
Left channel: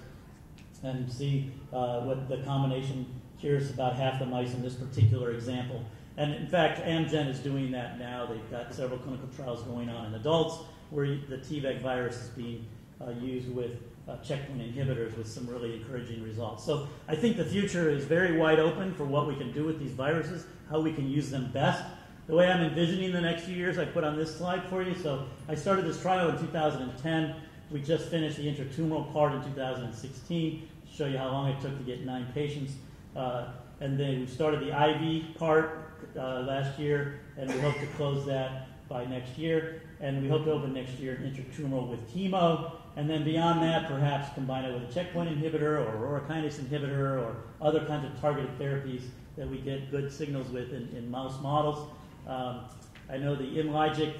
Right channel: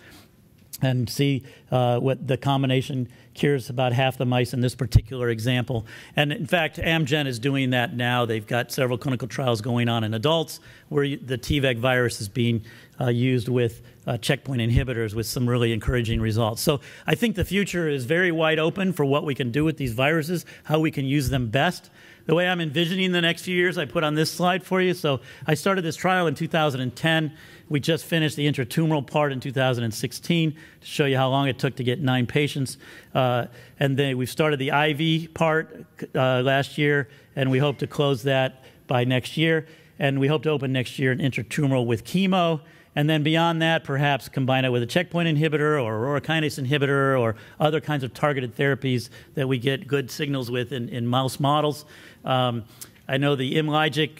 and see what the combination cures about half the mice in this particular example. And in fact, Amgen is doing that now. They've got several clinical trials going on in adults where the T-VEC virus is being used with checkpoint inhibitors with some really encouraging results. So I think the future is very wide open for what we can do with these viruses, how we can use them best. The way I'm envisioning the next few years, I put on this slide for you. So I started this trial in 2010. We just finished the intratumoral part in 2016 to show you how long it took to get 9 patients. And then we've started the IV part last year, and we hope to close that by next year. And we hope to open next year an intratumoral with chemo. And then beyond that, perhaps combine it with a checkpoint inhibitor or Aurora kinase inhibitor or other kinds of targeted therapies that we get good signals with in mouse models. I know the Imlygic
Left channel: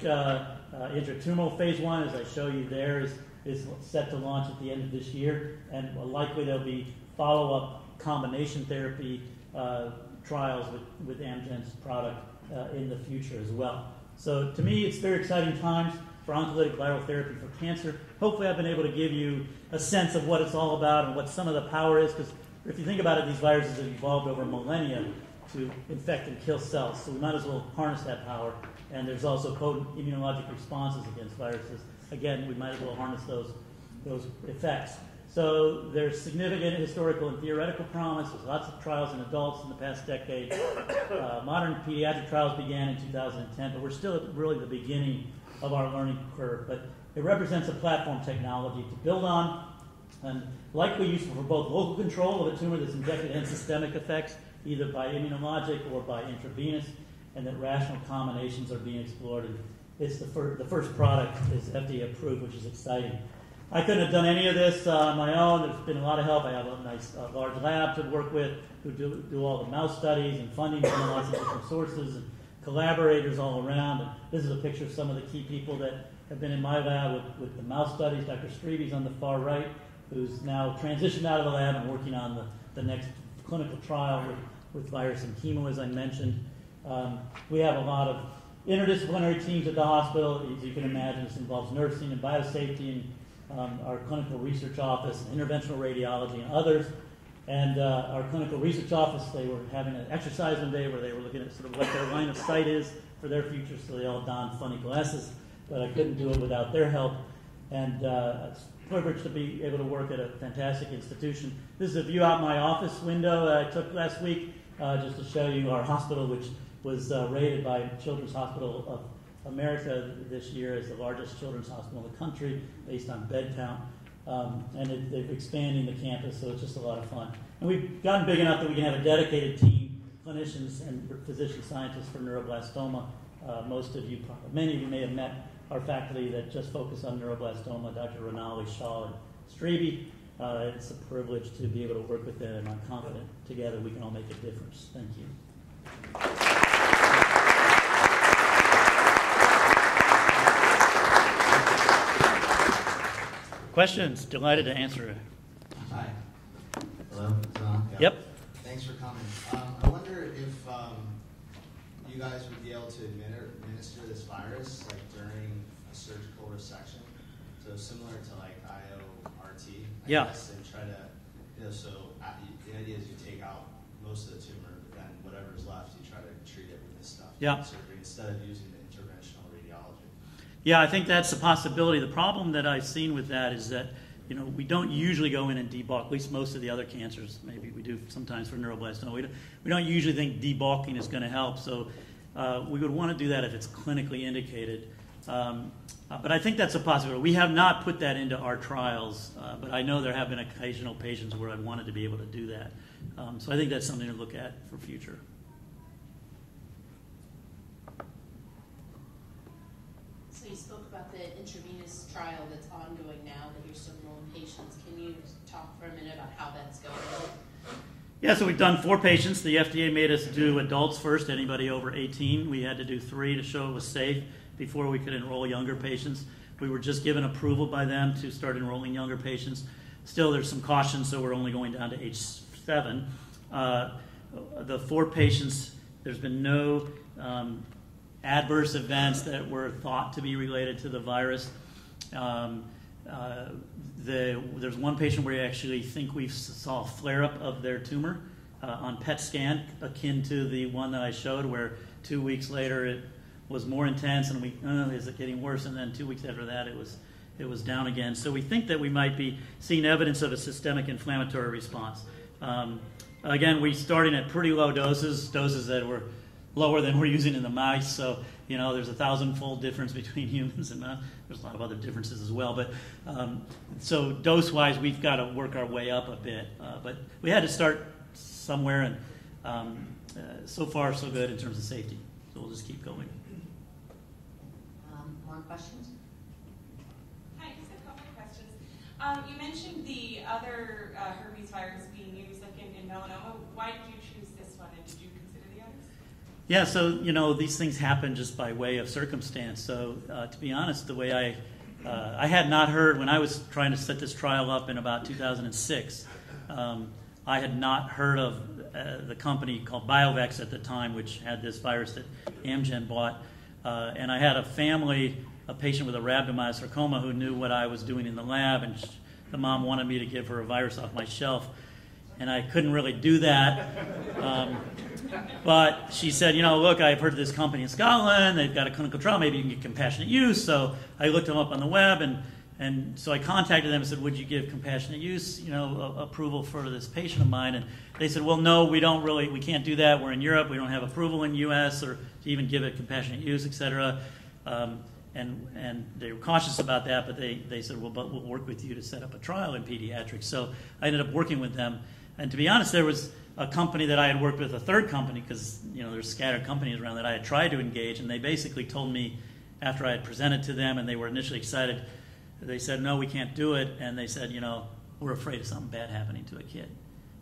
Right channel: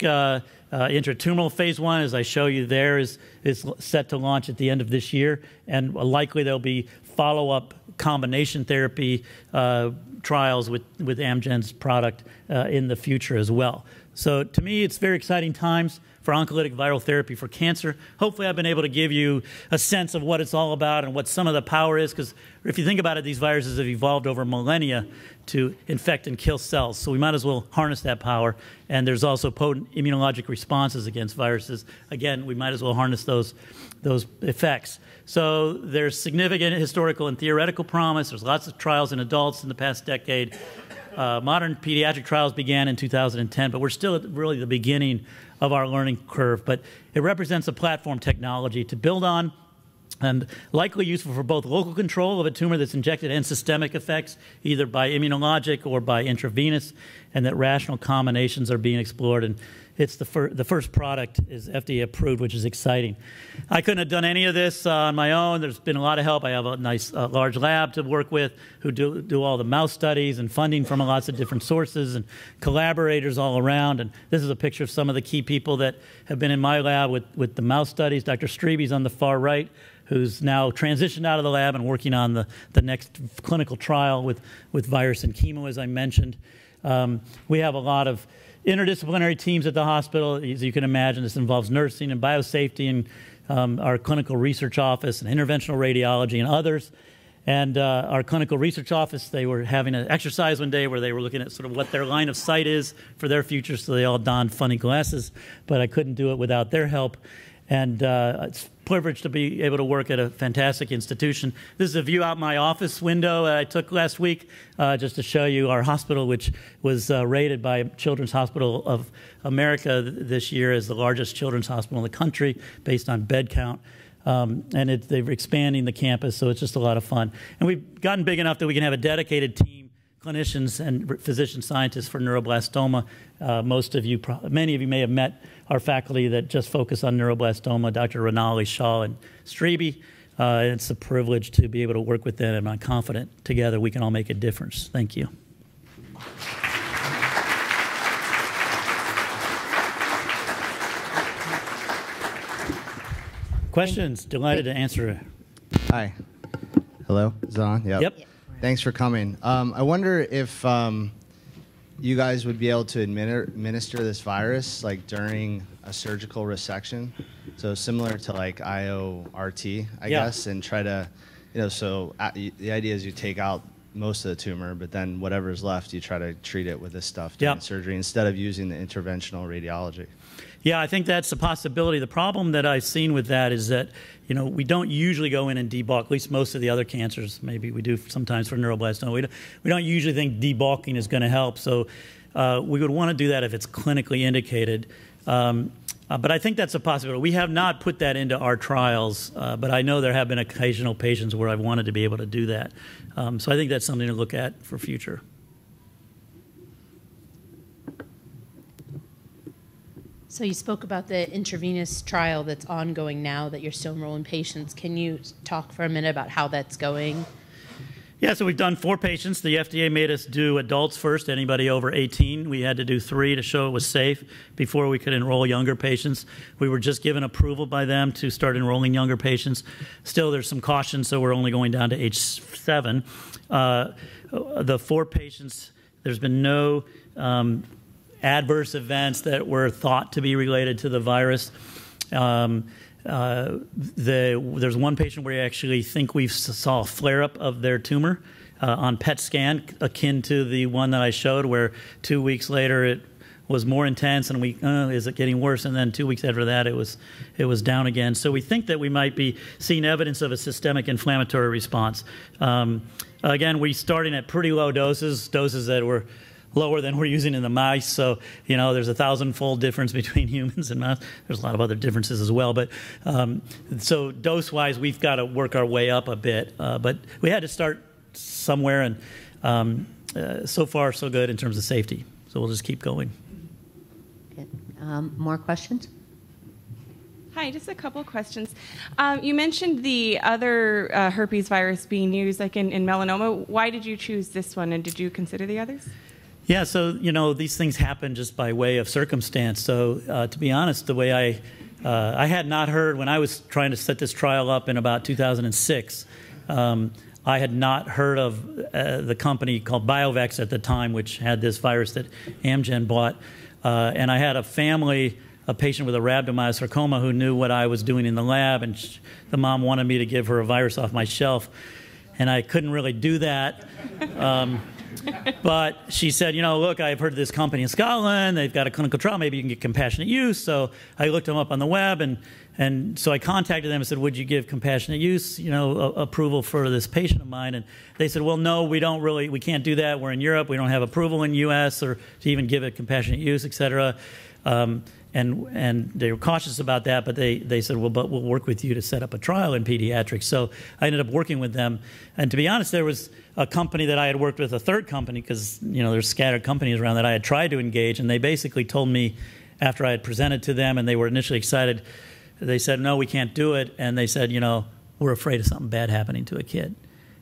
intratumoral phase 1, as I show you there, is set to launch at the end of this year, and likely there'll be follow-up combination therapy trials with Amgen's product in the future as well. So to me, it's very exciting times for oncolytic viral therapy for cancer. Hopefully I've been able to give you a sense of what it's all about and what some of the power is, because if you think about it, these viruses have evolved over millennia to infect and kill cells. So we might as well harness that power. And there's also potent immunologic responses against viruses. Again, we might as well harness those effects. So there's significant historical and theoretical promise. There's lots of trials in adults in the past decade. Modern pediatric trials began in 2010, but we're still at really the beginning of our learning curve. But it represents a platform technology to build on, and likely useful for both local control of a tumor that's injected and systemic effects, either by immunologic or by intravenous, and that rational combinations are being explored. And it's the first product is FDA approved, which is exciting. I couldn't have done any of this on my own. There's been a lot of help. I have a nice large lab to work with who do all the mouse studies and funding from lots of different sources and collaborators all around. And this is a picture of some of the key people that have been in my lab with the mouse studies. Dr. Streby's on the far right, who's now transitioned out of the lab and working on the next clinical trial with virus and chemo, as I mentioned. We have a lot of interdisciplinary teams at the hospital. As you can imagine, this involves nursing and biosafety and our clinical research office and interventional radiology and others. And our clinical research office, they were having an exercise one day where they were looking at sort of what their line of sight is for their future, so they all donned funny glasses, but I couldn't do it without their help. And it's a privilege to be able to work at a fantastic institution. This is a view out my office window that I took last week just to show you our hospital, which was rated by Children's Hospital of America this year as the largest children's hospital in the country based on bed count. And they're expanding the campus, so it's just a lot of fun. And we've gotten big enough that we can have a dedicated team, clinicians and physician scientists for neuroblastoma. Many of you may have met our faculty that just focus on neuroblastoma, Dr. Rinaldi, Shaw, and Streby. It's a privilege to be able to work with them, and I'm confident together we can all make a difference. Thank you. Questions? Delighted to answer. Hi. Hello? Is it on? Yep. Thanks for coming. I wonder if you guys would be able to administer this virus like during a surgical resection, so similar to like IORT, I guess, and try to, the idea is you take out most of the tumor, but then whatever's left, you try to treat it with this stuff during surgery instead of using the interventional radiology. Yeah, I think that's a possibility. The problem that I've seen with that is that, we don't usually go in and debulk, at least most of the other cancers. Maybe we do sometimes for neuroblastoma. We don't usually think debulking is going to help. So we would want to do that if it's clinically indicated. But I think that's a possibility. We have not put that into our trials, but I know there have been occasional patients where I've wanted to be able to do that. So I think that's something to look at for future. So you spoke about the intravenous trial that's ongoing now that you're still enrolling patients. Can you talk for a minute about how that's going? Yeah, so we've done 4 patients. The FDA made us do adults first, anybody over 18. We had to do 3 to show it was safe before we could enroll younger patients. We were just given approval by them to start enrolling younger patients. Still, there's some caution, so we're only going down to age 7. The 4 patients, there's been no adverse events that were thought to be related to the virus. There's one patient where we actually think we saw a flare-up of their tumor on PET scan, akin to the one that I showed, where 2 weeks later it was more intense, and is it getting worse? And then 2 weeks after that, it was down again. So we think that we might be seeing evidence of a systemic inflammatory response. Again, we're starting at pretty low doses that were lower than we're using in the mice, so there's a 1,000-fold difference between humans and mouse. There's a lot of other differences as well, but so dose-wise, we've got to work our way up a bit. But we had to start somewhere, and so far so good in terms of safety. So we'll just keep going. Okay. More questions? Hi, just a couple of questions. You mentioned the other herpes virus being used, like in melanoma. Why did you choose this one, and did you consider the others? Yeah, so, these things happen just by way of circumstance. So, to be honest, the way I had not heard, when I was trying to set this trial up in about 2006, I had not heard of the company called Biovex at the time, which had this virus that Amgen bought. And I had a patient with a rhabdomyosarcoma who knew what I was doing in the lab, and the mom wanted me to give her a virus off my shelf. And I couldn't really do that. But she said, look, I've heard of this company in Scotland. They've got a clinical trial. Maybe you can get compassionate use. So I looked them up on the web, and so I contacted them and said, would you give compassionate use, approval for this patient of mine? And they said, well, no, we can't do that. We're in Europe. We don't have approval in U.S. or to even give it compassionate use, et cetera. And they were cautious about that, but they said, well, but we'll work with you to set up a trial in pediatrics. So I ended up working with them. And to be honest, there was a company that I had worked with, a third company, because there's scattered companies around that I had tried to engage, and they basically told me after I had presented to them and they were initially excited, they said, no, we can't do it. And they said, we're afraid of something bad happening to a kid,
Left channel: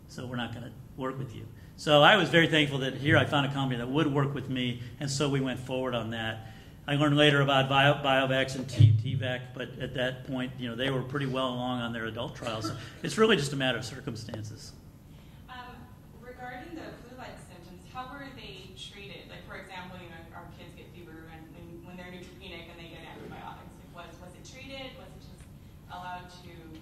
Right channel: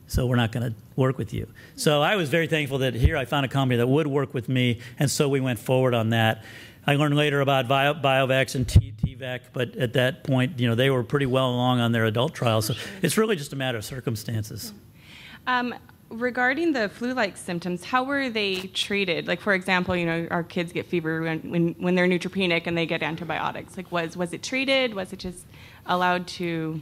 so we're not going to work with you. So I was very thankful that here I found a company that would work with me, and so we went forward on that. I learned later about Biovex and TVAC, but at that point, they were pretty well along on their adult trials. So it's really just a matter of circumstances. Regarding the flu-like symptoms, how were they treated? Like, for example, our kids get fever when they're neutropenic and they get antibiotics. Like, was it treated? Was it just allowed to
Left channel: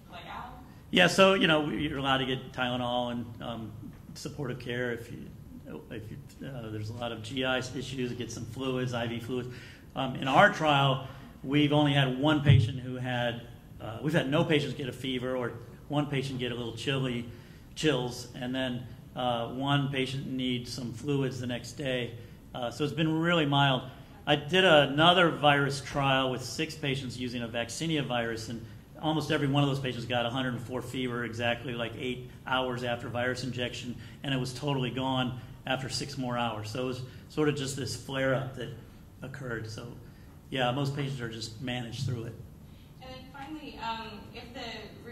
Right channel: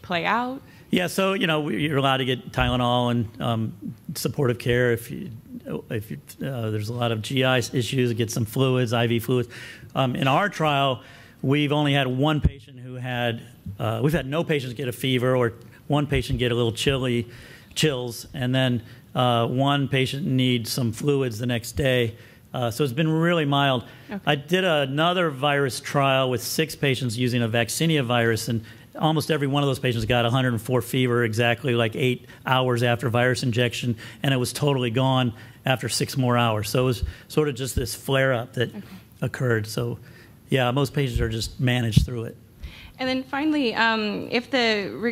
play out? Yeah, so you're allowed to get Tylenol and supportive care if there's a lot of GI issues, get some fluids, IV fluids. In our trial, we've only had one patient who we've had no patients get a fever, or one patient get a little chills, and then one patient needs some fluids the next day. So it's been really mild. Okay. I did another virus trial with 6 patients using a vaccinia virus, and almost every one of those patients got 104 fever exactly like 8 hours after virus injection, and it was totally gone after 6 more hours. So it was sort of just this flare-up that occurred. So yeah, most patients are just managed through it. And then finally,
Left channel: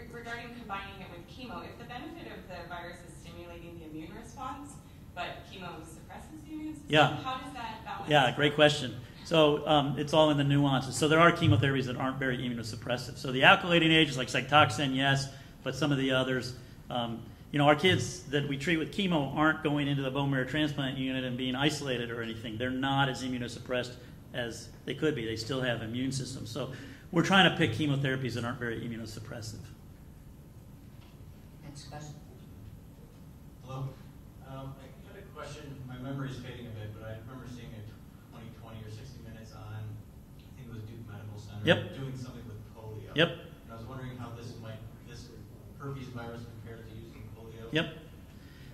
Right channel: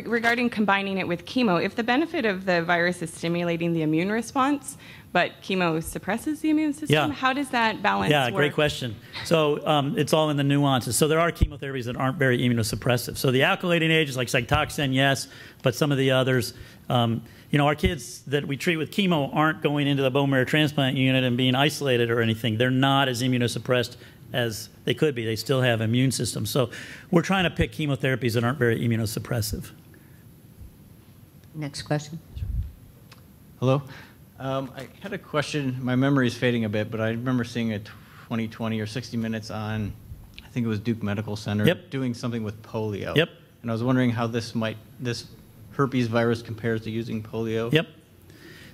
regarding combining it with chemo, if the benefit of the virus is stimulating the immune response, but chemo suppresses the immune system, how does that balance work? Great question. So it's all in the nuances. So there are chemotherapies that aren't very immunosuppressive. So the alkylating agents like Cytoxan, yes, but some of the others, you know, our kids that we treat with chemo aren't going into the bone marrow transplant unit and being isolated or anything. They're not as immunosuppressed as they could be. They still have immune systems. So we're trying to pick chemotherapies that aren't very immunosuppressive. Next question. Hello. I had a question. My memory is fading a bit, but I remember seeing a 20 or 60 Minutes on, I think it was Duke Medical Center, doing something with polio. Yep. And I was wondering how this herpes virus compares to using polio. Yep.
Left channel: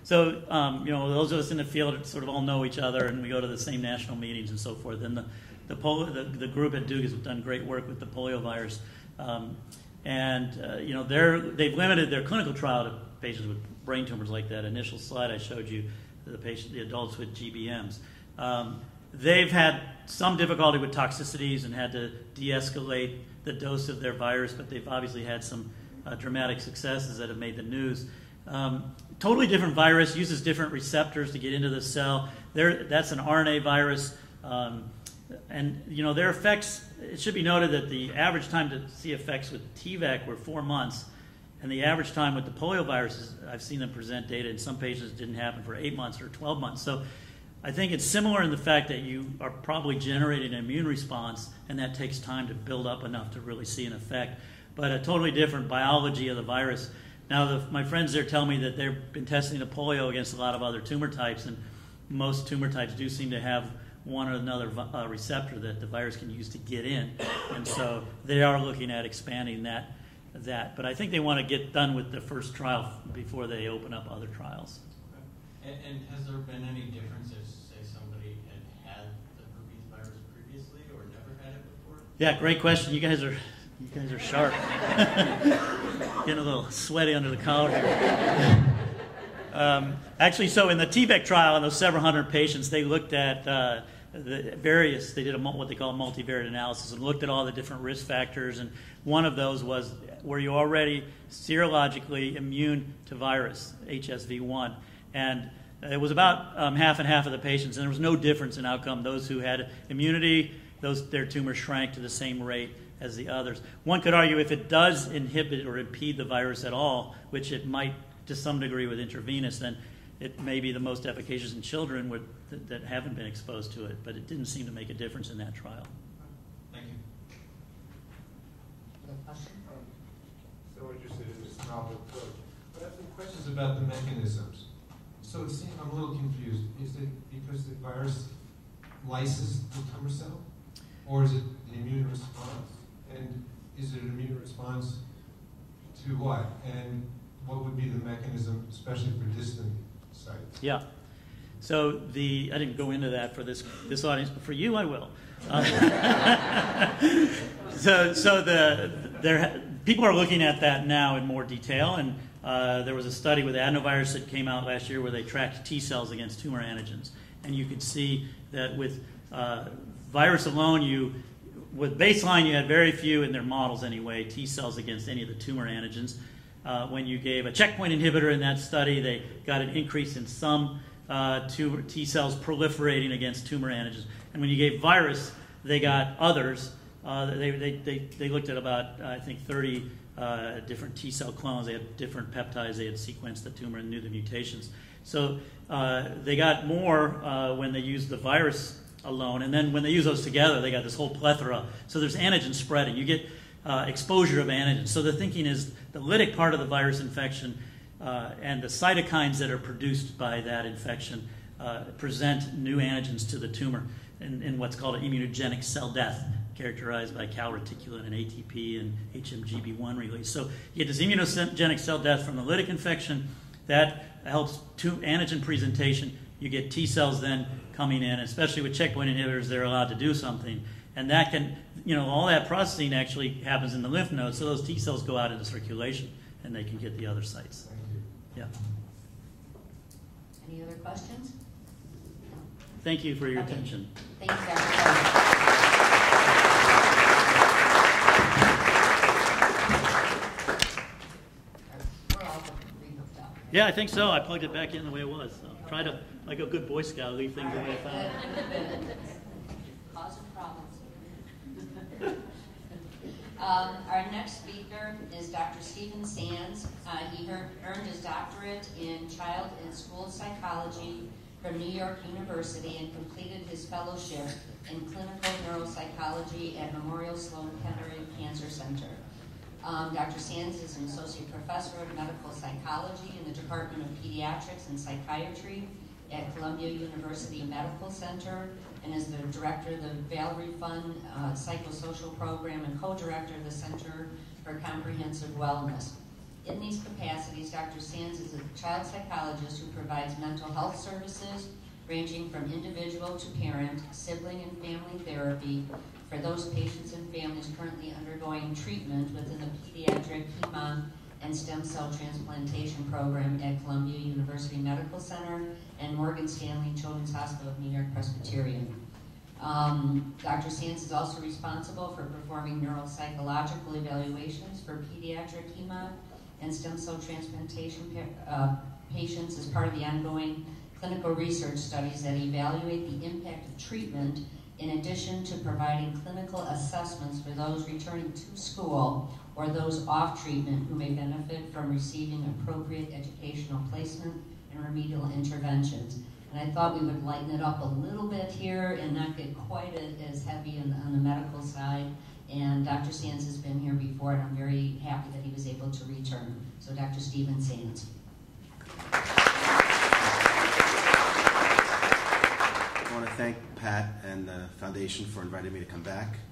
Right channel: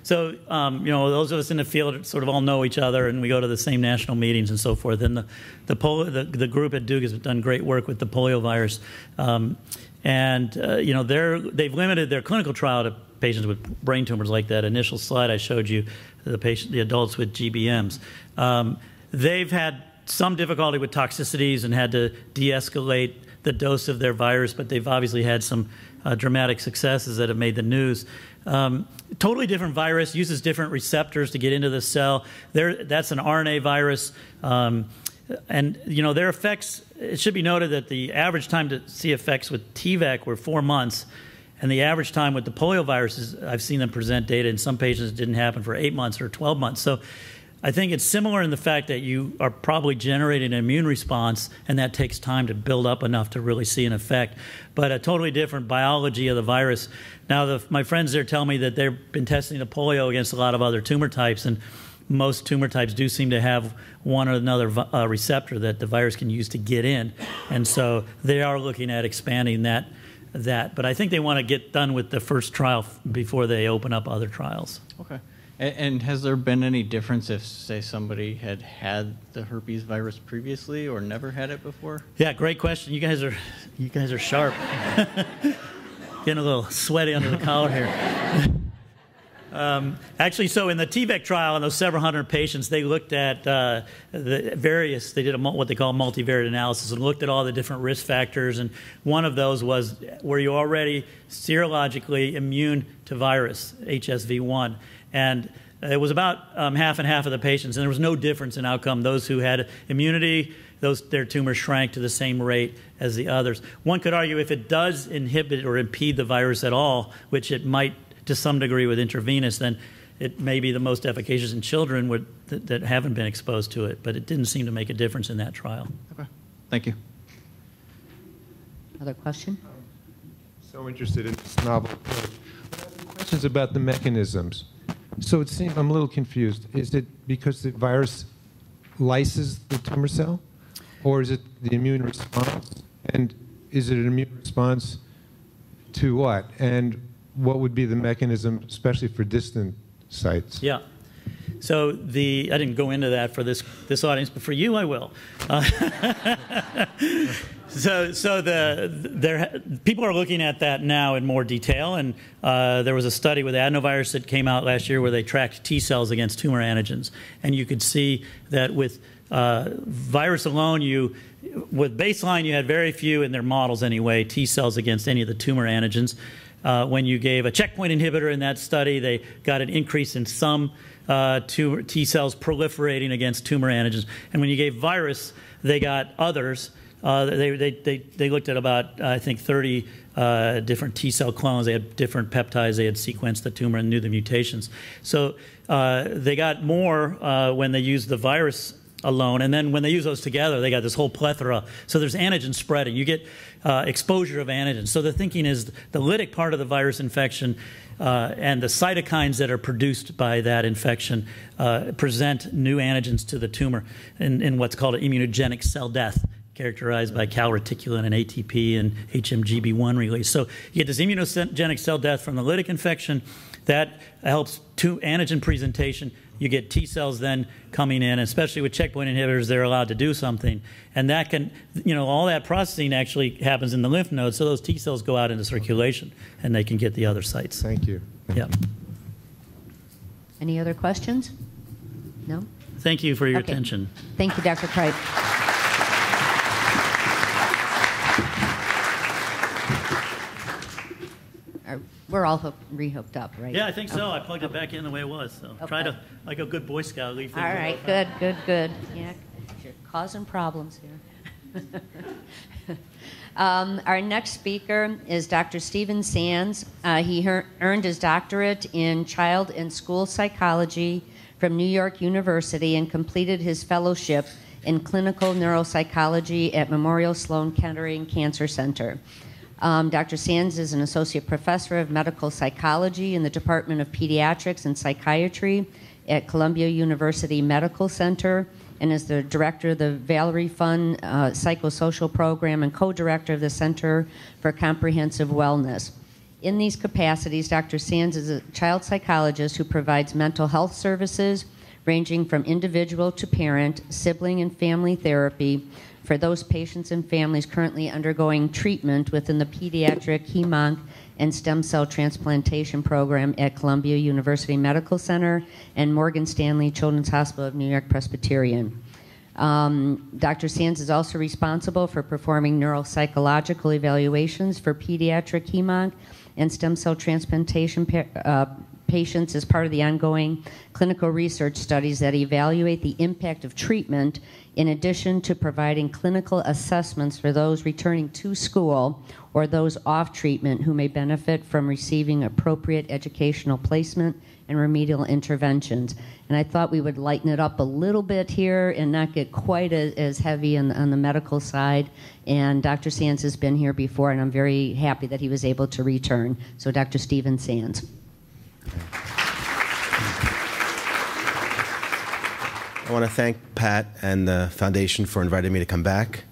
So, you know, those of us in the field sort of all know each other, and we go to the same national meetings and so forth. And the group at Duke has done great work with the polio virus. You know, they've limited their clinical trial to patients with brain tumors, like that initial slide I showed you, the adults with GBMs. They've had some difficulty with toxicities and had to de-escalate the dose of their virus, but they've obviously had some dramatic successes that have made the news. Totally different virus, uses different receptors to get into the cell. That's an RNA virus. And, you know, their effects, it should be noted that the average time to see effects with TVAC were 4 months. And the average time with the polio viruses, I've seen them present data in some patients, it didn't happen for 8 months or 12 months. So I think it's similar in the fact that you are probably generating an immune response, and that takes time to build up enough to really see an effect. But a totally different biology of the virus. Now, my friends there tell me that they've been testing the polio against a lot of other tumor types, and most tumor types do seem to have one or another receptor that the virus can use to get in. And so they are looking at expanding that. But I think they want to get done with the first trial before they open up other trials. Okay. And has there been any difference if, say, somebody had the herpes virus previously or never had it before? Yeah, great question. You guys are sharp. Getting a little sweaty under the collar here. Actually, so in the TVAC trial, in those several hundred patients, they looked at they did what they call multivariate analysis and looked at all the different risk factors. And one of those was, were you already serologically immune to virus, HSV1? And it was about half and half of the patients, and there was no difference in outcome. Those who had immunity, their tumors shrank to the same rate as the others. One could argue if it does inhibit or impede the virus at all, which it might to some degree with intravenous, then it may be the most efficacious in children that haven't been exposed to it, but it didn't seem to make a difference in that trial. Okay, thank you. Other question? So interested in this novel approach. Questions about the mechanisms. So it seems I'm a little confused. Is it because the virus lyses the tumor cell, or is it the immune response? And is it an immune response to what? And what would be the mechanism, especially for distant sites? Yeah. So I didn't go into that for this audience, but for you I will. People are looking at that now in more detail, and there was a study with adenovirus that came out last year where they tracked T cells against tumor antigens, and you could see that with virus alone, with baseline you had very few in their models anyway T cells against any of the tumor antigens. When you gave a checkpoint inhibitor in that study, they got an increase in some T cells proliferating against tumor antigens. And when you gave virus, they got others. They looked at about, I think, 30 different T cell clones. They had different peptides. They had sequenced the tumor and knew the mutations. So they got more when they used the virus alone. And then when they use those together, they got this whole plethora. So there's antigen spreading. You get exposure of antigens. So the thinking is the lytic part of the virus infection and the cytokines that are produced by that infection present new antigens to the tumor in what's called an immunogenic cell death, characterized by calreticulin and ATP and HMGB1 release. So you get this immunogenic cell death from the lytic infection that helps antigen presentation. you get T cells then coming in, especially with checkpoint inhibitors, they're allowed to do something. And that can, all that processing actually happens in the lymph nodes, so those T cells go out into circulation, and they can get the other sites. Thank you. Yeah. Any other questions? No? Thank you for your attention. Thank you, Dr. Cripe. We're all re-hooked up, right? Yeah, I think so. I plugged it back in the way it was. So try to, like a good Boy Scout, leave things. All right, good. Yeah, you're causing problems here. Our next speaker is Dr. Stephen Sands. He earned his doctorate in child and school psychology from New York University and completed his fellowship in clinical neuropsychology at Memorial Sloan Kettering Cancer Center. Dr. Sands is an associate professor of medical psychology in the Department of Pediatrics and Psychiatry at Columbia University Medical Center and is the director of the Valerie Fund Psychosocial Program and co-director of the Center for Comprehensive Wellness. In these capacities, Dr. Sands is a child psychologist who provides mental health services ranging from individual to parent, sibling and family therapy for those patients and families currently undergoing treatment within the Pediatric Hem/Onc and Stem Cell Transplantation Program at Columbia University Medical Center and Morgan Stanley Children's Hospital of New York Presbyterian. Dr. Sands is also responsible for performing neuropsychological evaluations for pediatric Hem/Onc and stem cell transplantation patients as part of the ongoing clinical research studies that evaluate the impact of treatment in addition to providing clinical assessments for those returning to school or those off treatment who may benefit from receiving appropriate educational placement and remedial interventions. And I thought we would lighten it up a little bit here and not get quite as heavy on the medical side. And Dr. Sands has been here before, and I'm very happy that he was able to return. So Dr. Stephen Sands. I want to thank Pat and the Foundation for inviting me to come back.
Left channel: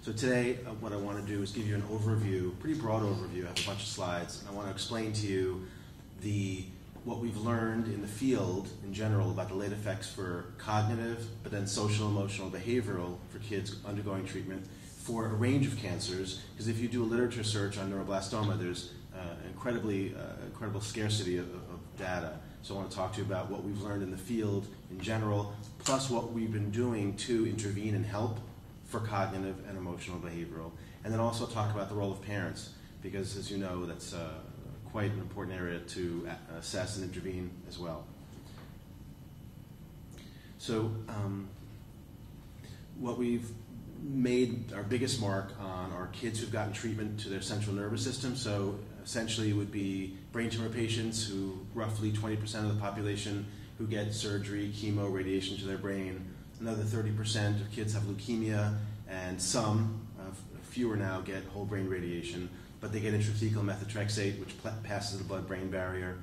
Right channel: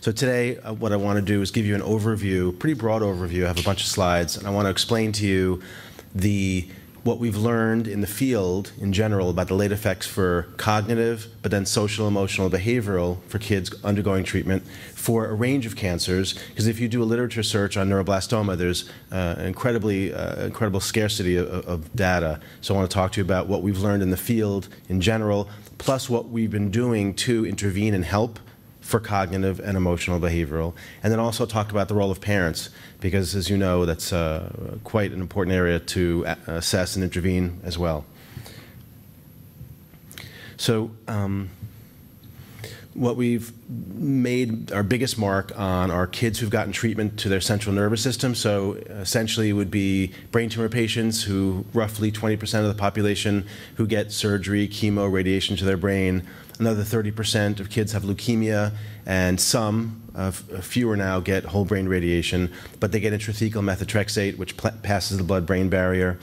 So today, what I want to do is give you an overview, pretty broad overview. I have a bunch of slides, and I want to explain to you what we've learned in the field in general about the late effects for cognitive, but then social, emotional, behavioral for kids undergoing treatment for a range of cancers. Because if you do a literature search on neuroblastoma, there's incredible scarcity of data. So I want to talk to you about what we've learned in the field in general, plus what we've been doing to intervene and help for cognitive and emotional behavioral, and then also talk about the role of parents, because as you know, that's quite an important area to assess and intervene as well. So what we've made our biggest mark on are kids who've gotten treatment to their central nervous system. So essentially it would be brain tumor patients who roughly 20% of the population who get surgery, chemo, radiation to their brain. Another 30% of kids have leukemia, and fewer now get whole brain radiation, but they get intrathecal methotrexate, which passes the blood-brain barrier.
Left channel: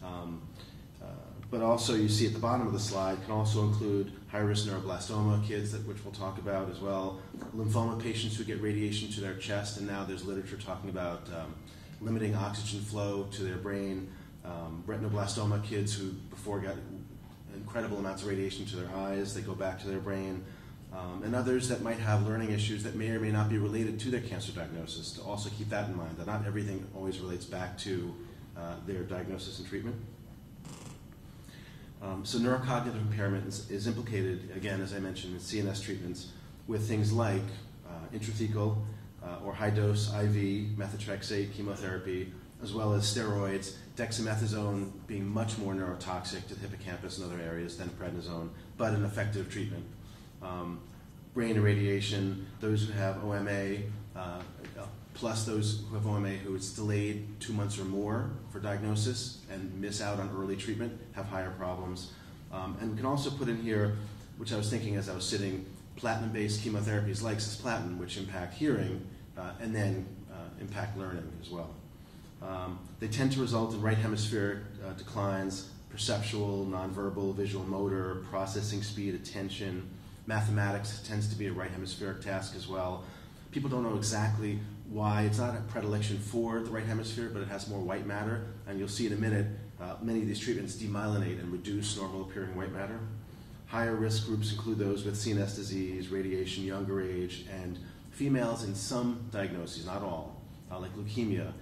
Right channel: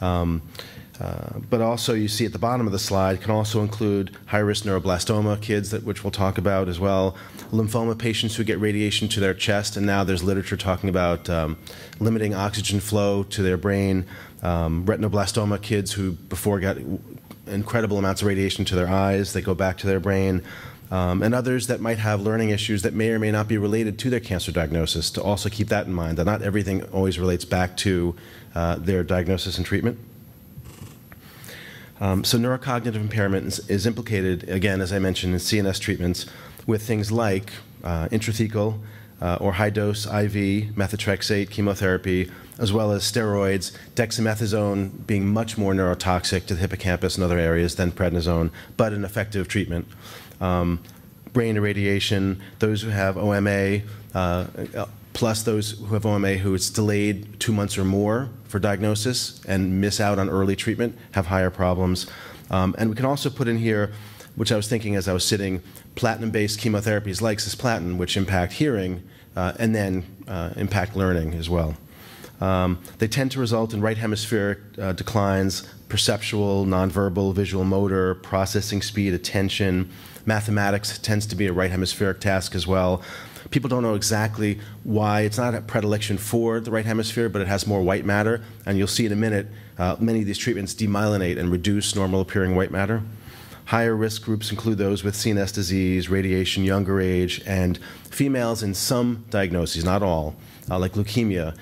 But also, you see at the bottom of the slide, can also include high-risk neuroblastoma kids, which we'll talk about as well, lymphoma patients who get radiation to their chest, and now there's literature talking about limiting oxygen flow to their brain, retinoblastoma kids who before got incredible amounts of radiation to their eyes, they go back to their brain, and others that might have learning issues that may or may not be related to their cancer diagnosis, to also keep that in mind, that not everything always relates back to their diagnosis and treatment. So neurocognitive impairment is implicated, again, as I mentioned, in CNS treatments with things like intrathecal or high-dose IV methotrexate chemotherapy, as well as steroids, dexamethasone being much more neurotoxic to the hippocampus and other areas than prednisone, but an effective treatment. Brain irradiation, those who have OMA, plus those who have OMA who it's delayed 2 months or more for diagnosis and miss out on early treatment, have higher problems. And we can also put in here, which I was thinking as I was sitting, platinum-based chemotherapies like cisplatin, which impact hearing and then impact learning as well. They tend to result in right hemispheric declines, perceptual, nonverbal, visual motor, processing speed, attention. Mathematics tends to be a right hemispheric task as well. People don't know exactly why. It's not a predilection for the right hemisphere, but it has more white matter. And you'll see in a minute many of these treatments demyelinate and reduce normal appearing white matter. Higher risk groups include those with CNS disease, radiation, younger age, and females in some diagnoses, not all, like leukemia,